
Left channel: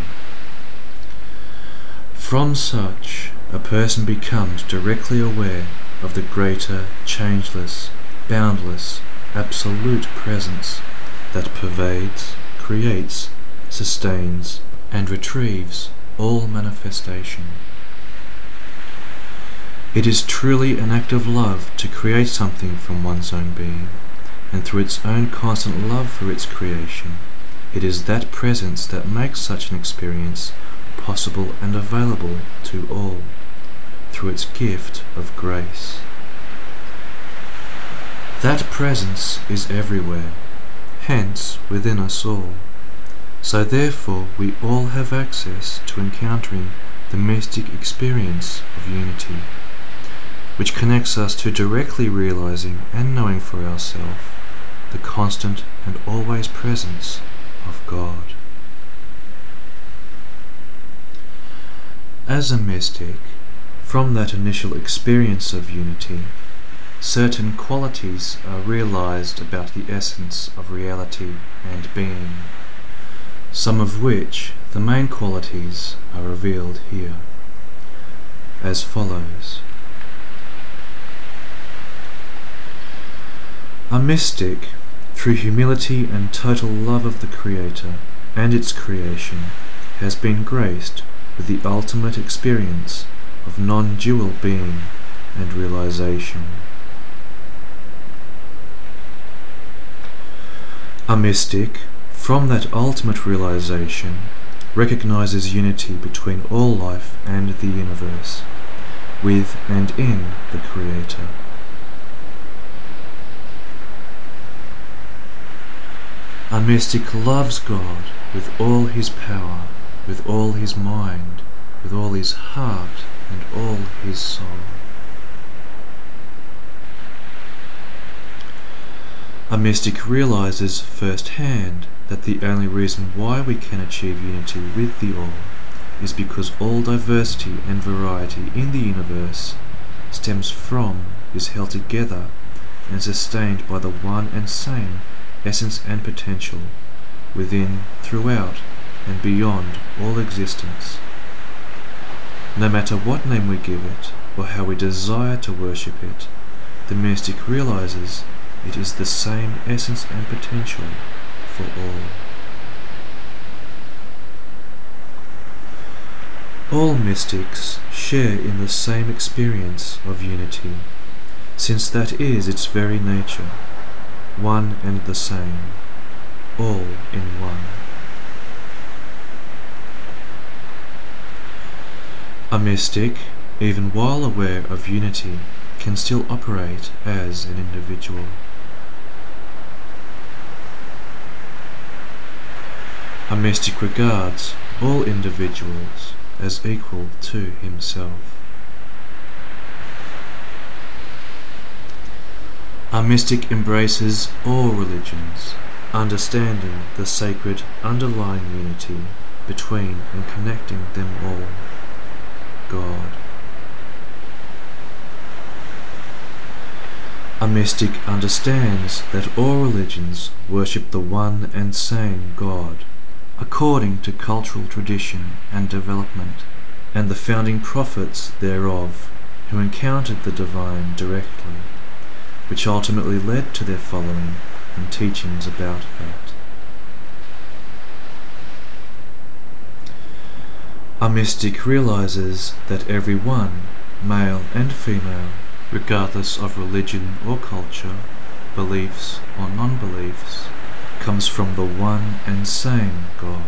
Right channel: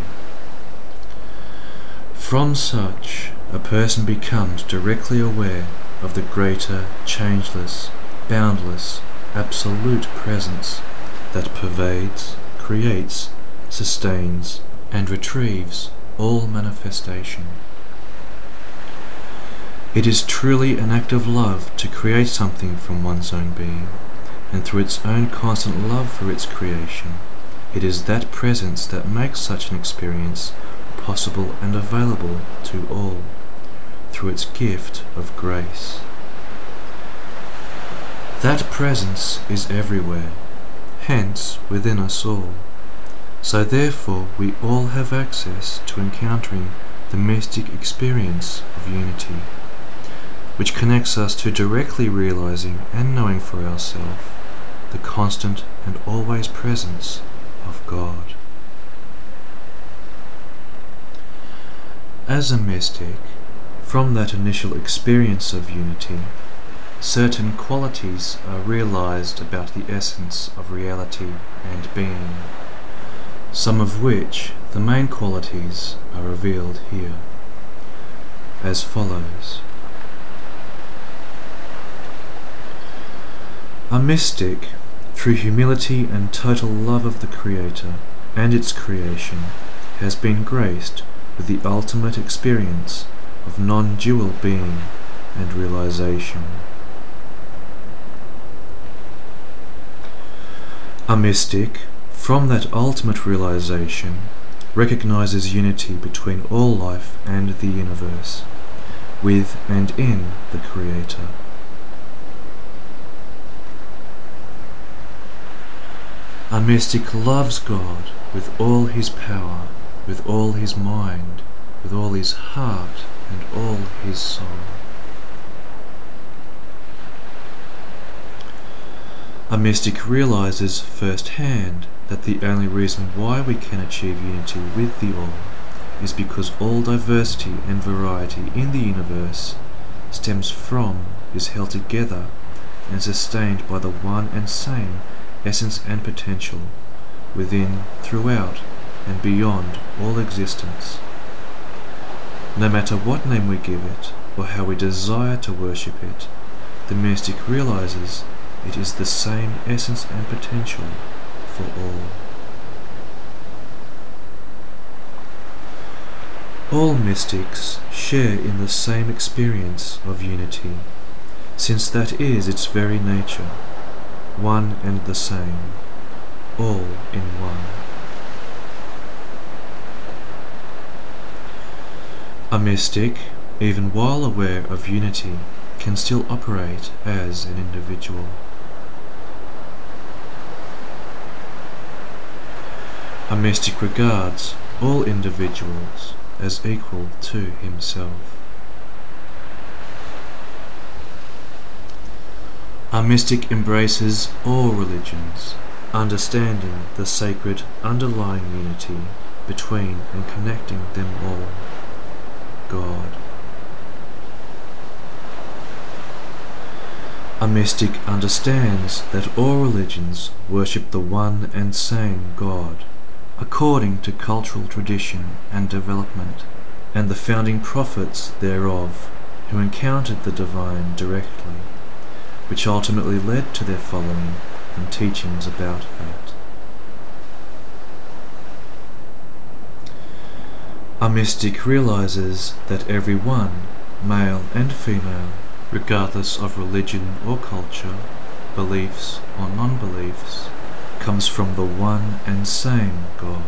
From such, a person becomes directly aware of the greater, changeless, boundless, absolute presence that pervades, creates, sustains, and retrieves all manifestation. It is truly an act of love to create something from one's own being, and through its own constant love for its creation, it is that presence that makes such an experience possible and available to all, through its gift of grace. That presence is everywhere, hence within us all. So therefore we all have access to encountering the mystic experience of unity, which connects us to directly realizing and knowing for ourselves the constant and always presence of God. As a mystic, from that initial experience of unity, certain qualities are realized about the essence of reality and being, some of which, the main qualities, are revealed here, as follows. A mystic, through humility and total love of the Creator and its creation, has been graced with the ultimate experience of non-dual being and realization. A mystic, from that ultimate realization, recognizes unity between all life and the universe, with and in the Creator. A mystic loves God with all his power, with all his mind, with all his heart, and all his soul. A mystic realizes firsthand that the only reason why we can achieve unity with the All is because all diversity and variety in the universe stems from, is held together, and sustained by the one and same essence and potential within, throughout, and beyond all existence. No matter what name we give it, or how we desire to worship it, the mystic realizes it is the same essence and potential for all. All mystics share in the same experience of unity, since that is its very nature, one and the same, all in one. A mystic, even while aware of unity, can still operate as an individual. A mystic regards all individuals as equal to himself. A mystic embraces all religions, understanding the sacred underlying unity between and connecting them all, God. A mystic understands that all religions worship the one and same God, according to cultural tradition and development, and the founding prophets thereof, who encountered the divine directly, which ultimately led to their following and teachings about that. A mystic realizes that every one, male and female, regardless of religion or culture, beliefs or non-beliefs, comes from the one and same God.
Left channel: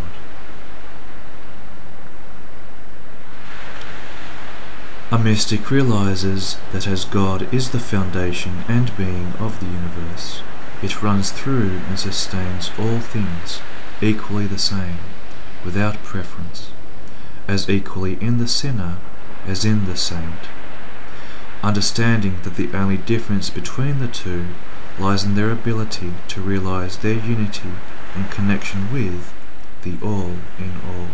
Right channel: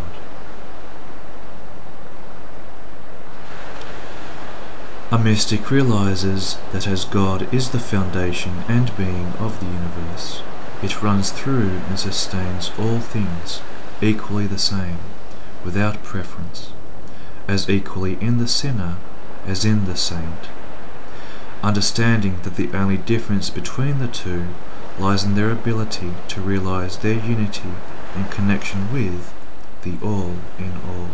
A mystic realizes that as God is the foundation and being of the universe, it runs through and sustains all things equally the same, without preference, as equally in the sinner as in the saint, understanding that the only difference between the two lies in their ability to realize their unity and connection with the All in All.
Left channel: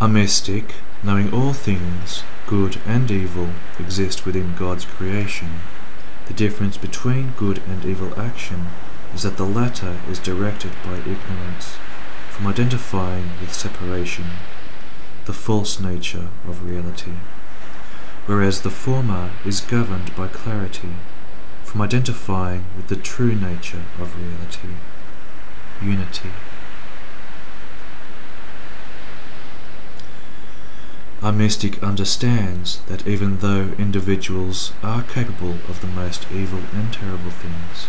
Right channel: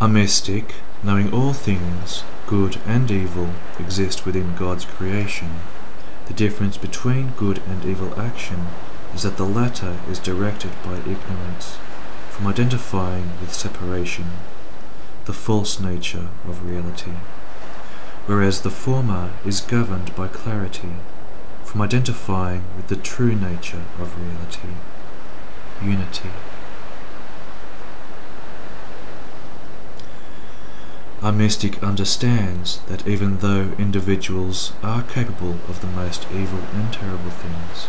A mystic, knowing all things, good and evil, exist within God's creation, the difference between good and evil action is that the latter is directed by ignorance, from identifying with separation, the false nature of reality, whereas the former is governed by clarity, from identifying with the true nature of reality, unity. A mystic understands that even though individuals are capable of the most evil and terrible things,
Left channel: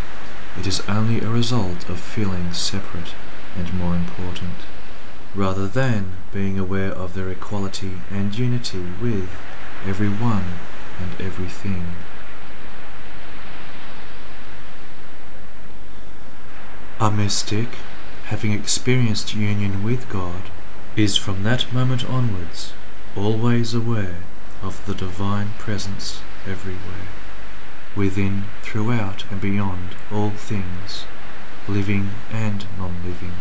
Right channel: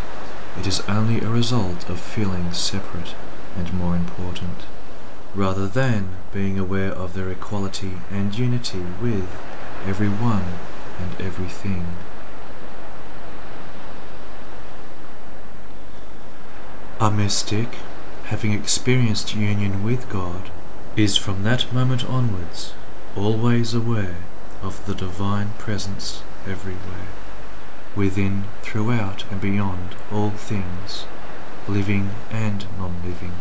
it is only a result of feeling separate and more important, rather than being aware of their equality and unity with everyone and everything. A mystic, having experienced union with God, is from that moment onwards always aware of the divine presence everywhere, within, throughout, and beyond all things, living and non-living.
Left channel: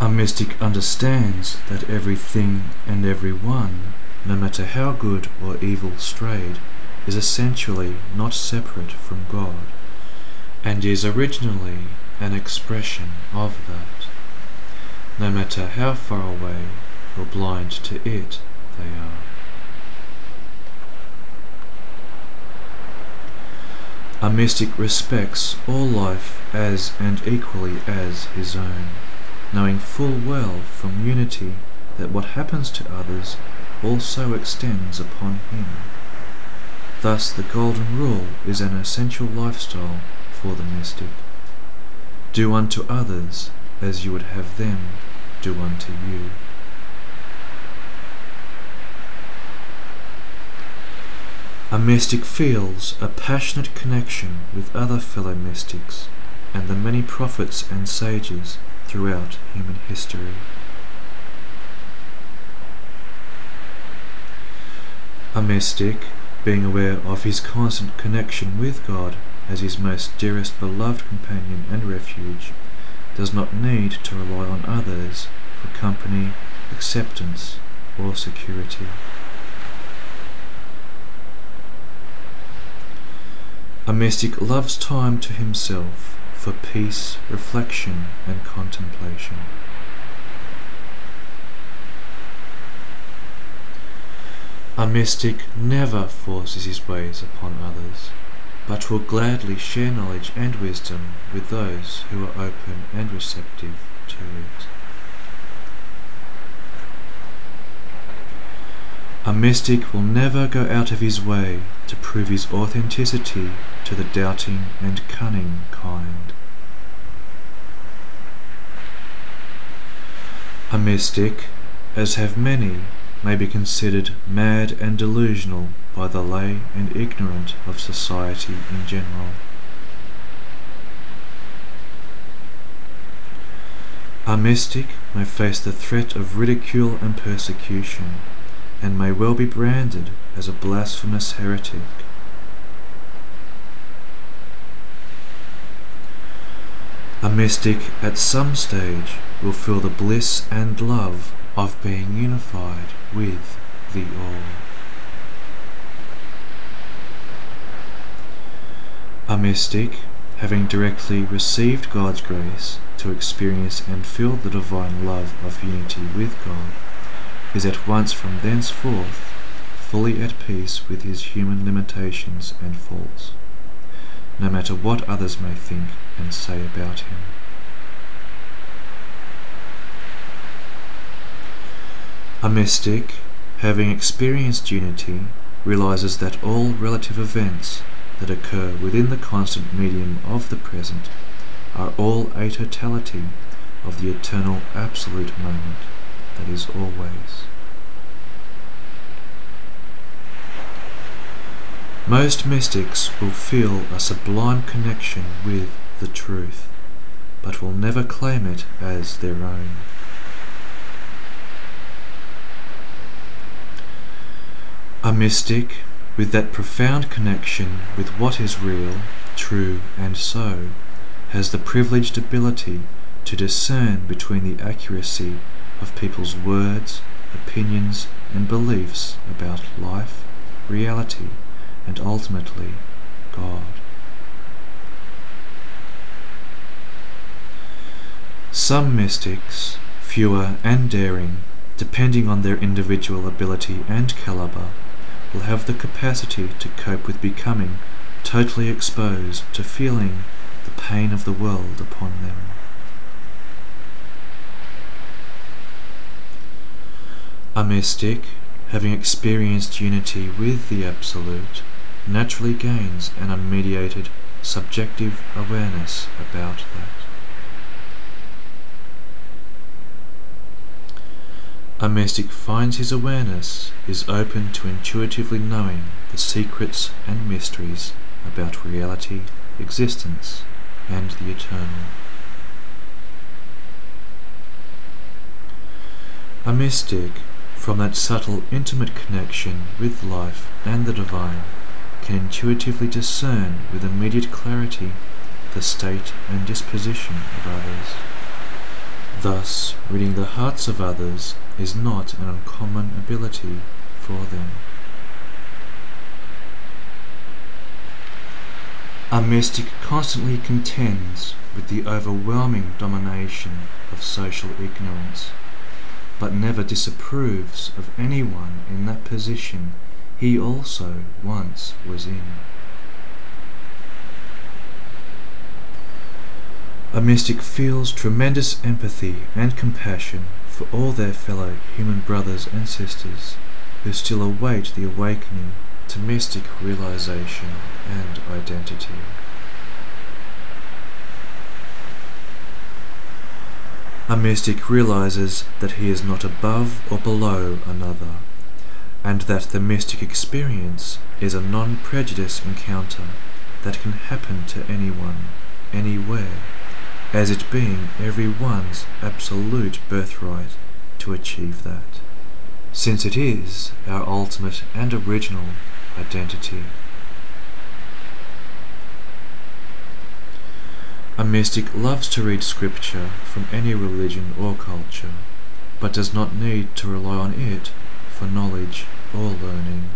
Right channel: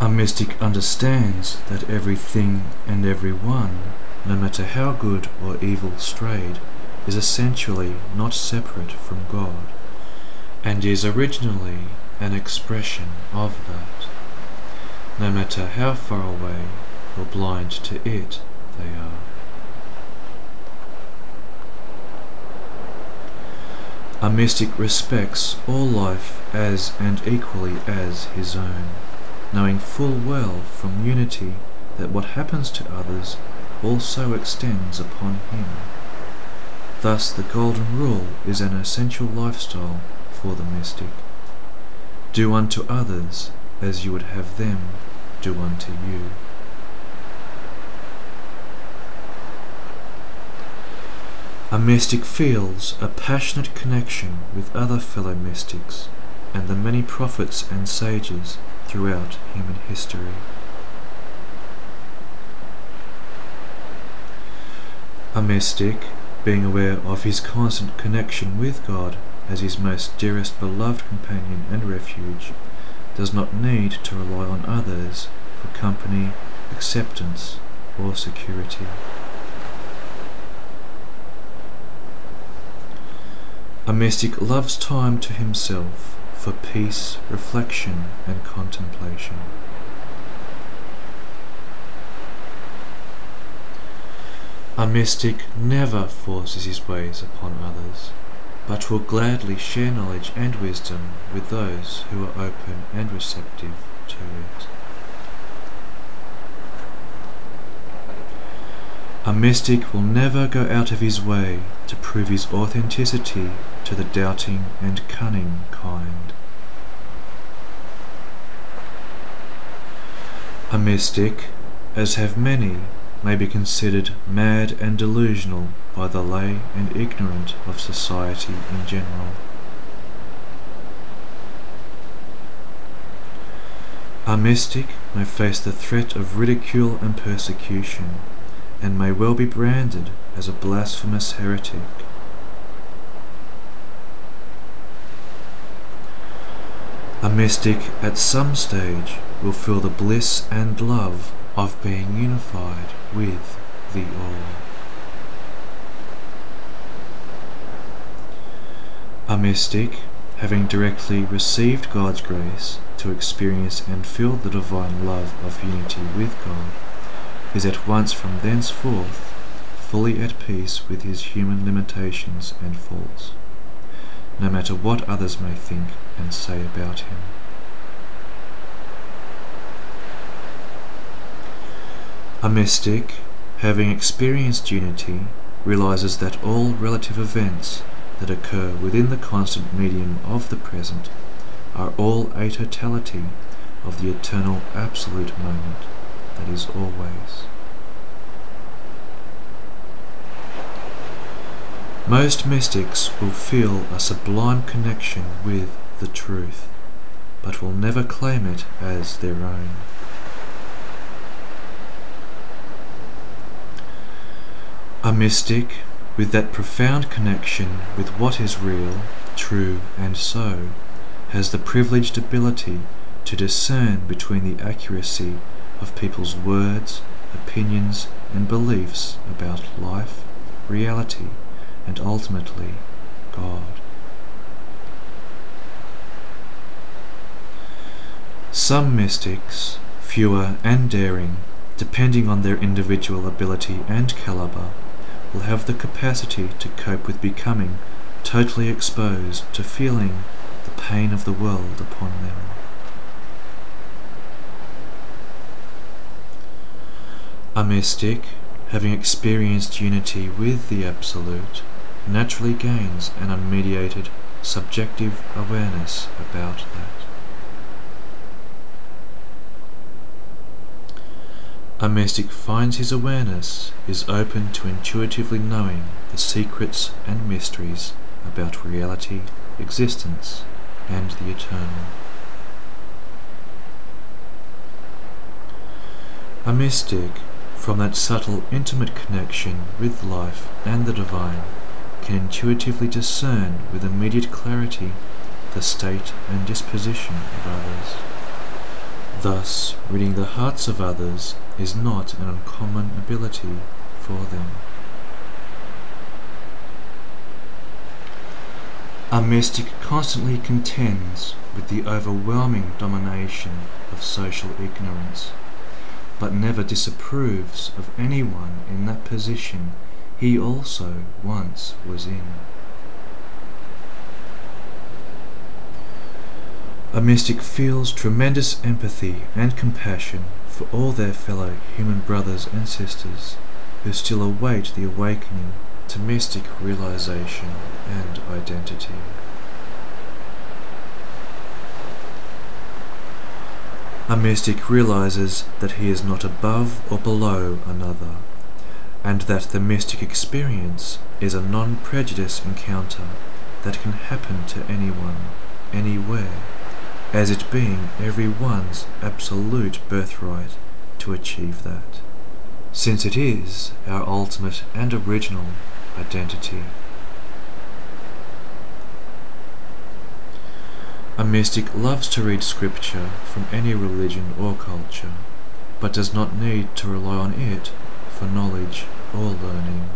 A A mystic understands that everything and everyone, no matter how good or evil strayed, is essentially not separate from God, and is originally an expression of that, no matter how far away or blind to it they are. A mystic respects all life as and equally as his own, knowing full well from unity that what happens to others also extends upon him. Thus the golden rule is an essential lifestyle for the mystic. Do unto others as you would have them do unto you. A mystic feels a passionate connection with other fellow mystics and the many prophets and sages throughout human history. A mystic, being aware of his constant connection with God as his most dearest beloved companion and refuge, does not need to rely on others for company, acceptance, or security. A mystic loves time to himself for peace, reflection, and contemplation. A mystic never forces his ways upon others, but will gladly share knowledge and wisdom with those who are open and receptive to it. A mystic will never go out of his way to prove his authenticity to the doubting and cunning kind. A mystic, as have many, may be considered mad and delusional by the lay and ignorant of society in general. A mystic may face the threat of ridicule and persecution, and may well be branded as a blasphemous heretic. A mystic at some stage will feel the bliss and love of being unified with the All. A mystic, having directly received God's grace to experience and feel the divine love of unity with God, is at once from thenceforth fully at peace with his human limitations and faults, no matter what others may think and say about him. A mystic, having experienced unity, realizes that all relative events that occur within the constant medium of the present are all a totality of the eternal absolute moment that is always. Most mystics will feel a sublime connection with the truth, but will never claim it as their own. A mystic, with that profound connection with what is real, true, and so, has the privileged ability to discern between the accuracy of people's words, opinions, and beliefs about life, reality, and ultimately God. Some mystics, fewer and daring, depending on their individual ability and caliber, will have the capacity to cope with becoming totally exposed to feeling the pain of the world upon them. A mystic, having experienced unity with the Absolute, naturally gains an unmediated, subjective awareness about that. A mystic finds his awareness is open to intuitively knowing the secrets and mysteries about reality, existence, and the eternal. A mystic, from that subtle, intimate connection with life and the divine, can intuitively discern with immediate clarity the state and disposition of others, Thus, reading the hearts of others is not an uncommon ability for them. A mystic constantly contends with the overwhelming domination of social ignorance, but never disapproves of anyone in that position he also once was in. A mystic feels tremendous empathy and compassion for all their fellow human brothers and sisters who still await the awakening to mystic realization and identity. A mystic realizes that he is not above or below another, and that the mystic experience is a non-prejudice encounter that can happen to anyone, anywhere, as it being everyone's absolute birthright to achieve that, since it is our ultimate and original identity. A mystic loves to read scripture from any religion or culture, but does not need to rely on it for knowledge or learning.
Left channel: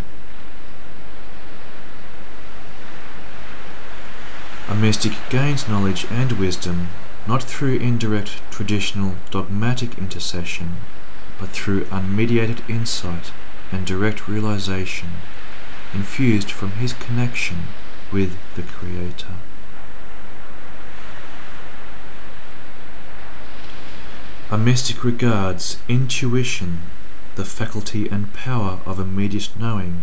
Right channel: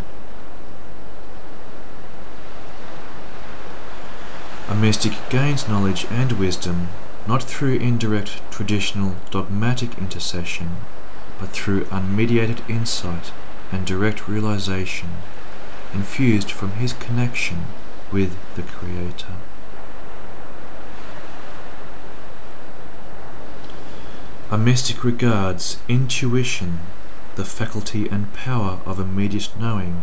A mystic gains knowledge and wisdom not through indirect traditional dogmatic intercession, but through unmediated insight and direct realization, infused from his connection with the Creator. A mystic regards intuition, the faculty and power of immediate knowing,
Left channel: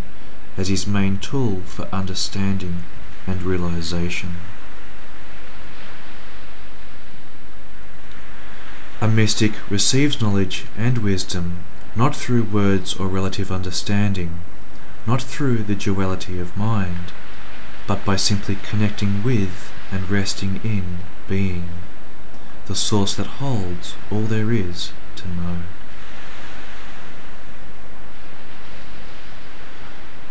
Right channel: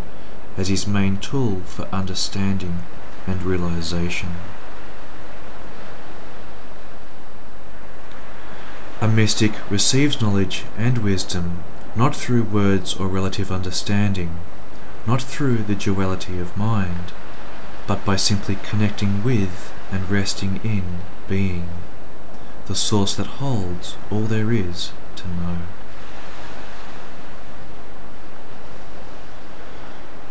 as his main tool for understanding and realization. A mystic receives knowledge and wisdom not through words or relative understanding, not through the duality of mind, but by simply connecting with and resting in being, the source that holds all there is to know.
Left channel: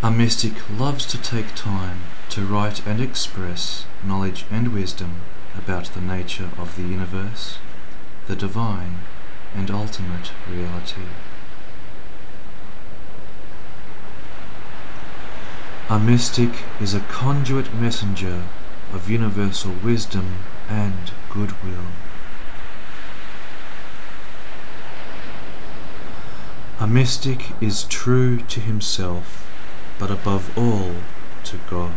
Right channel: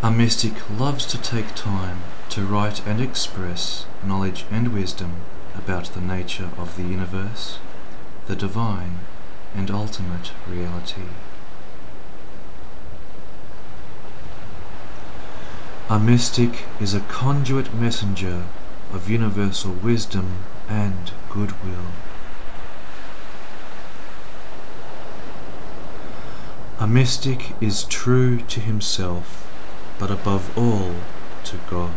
A mystic loves to take time to write and express knowledge and wisdom about the nature of the universe, the divine and ultimate reality. A mystic is a conduit messenger of universal wisdom and goodwill. A mystic is true to himself, but above all to God.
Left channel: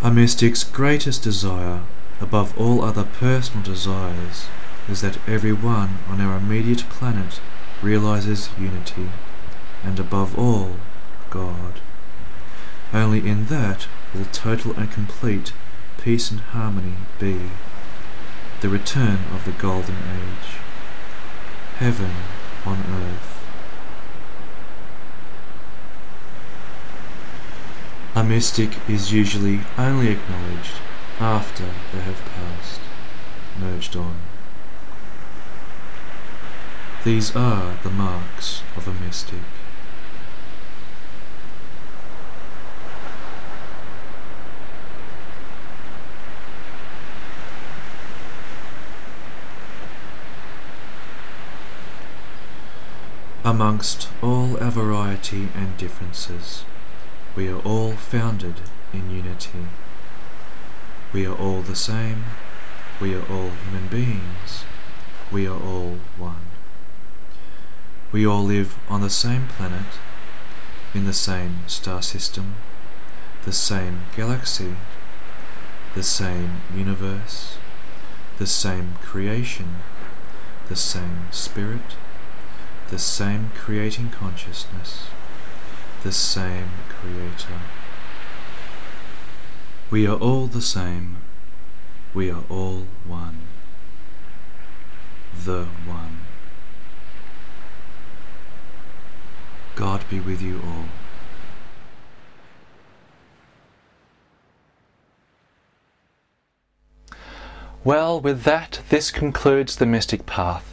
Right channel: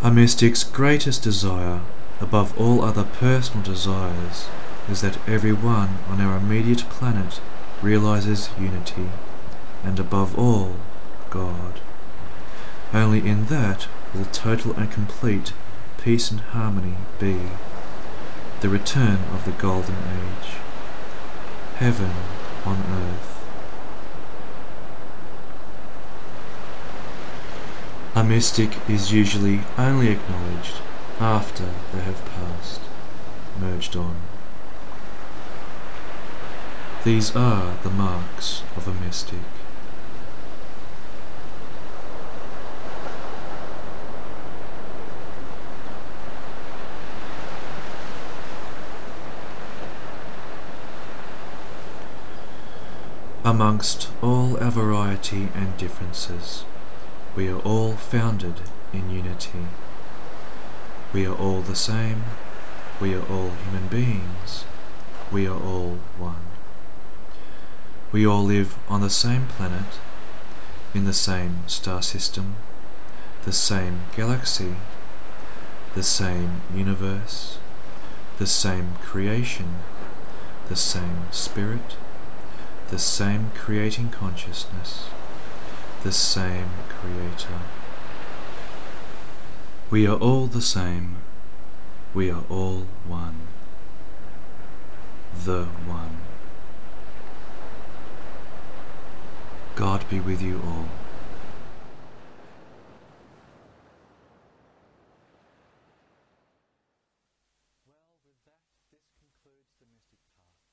A mystic's greatest desire, above all other personal desires, is that everyone on our immediate planet realizes unity, and above all, God. Only in that will total and complete peace and harmony be, the return of the Golden Age, heaven on earth. A mystic is usually only acknowledged after they have passed, merged on. These are the marks of a mystic. Amongst all our variety and differences, we are all founded in unity. We are all the same, we are all human beings, we are all one. We all live on the same planet, in the same star system, the same galaxy, the same universe, the same creation, the same spirit, the same creating consciousness, the same Creator. We are all the same, we are all one, the One. God be with you all. Well, with that, this concludes the Mystic Path.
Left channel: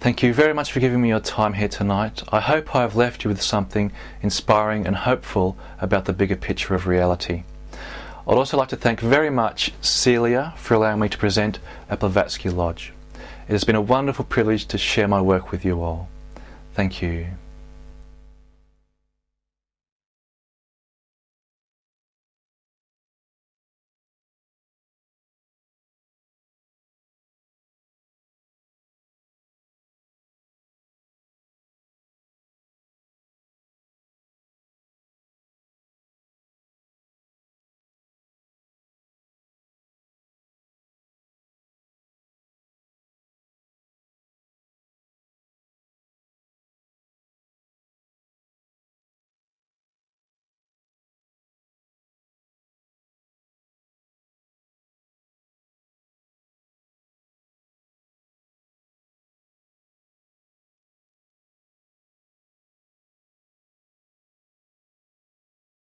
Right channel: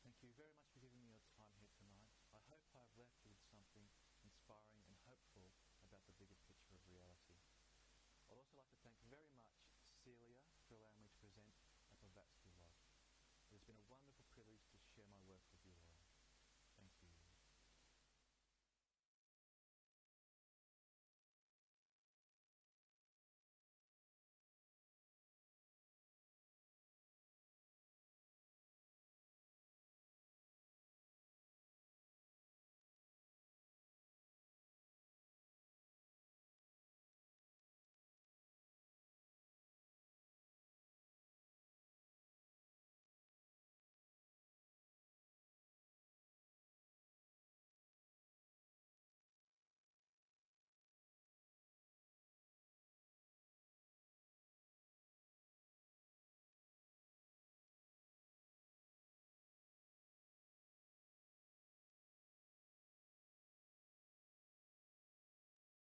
Thank you very much for giving me your time here tonight. I hope I have left you with something inspiring and hopeful about the bigger picture of reality. I'd also like to thank very much Celia for allowing me to present at Blavatsky Lodge. It has been a wonderful privilege to share my work with you all. Thank you.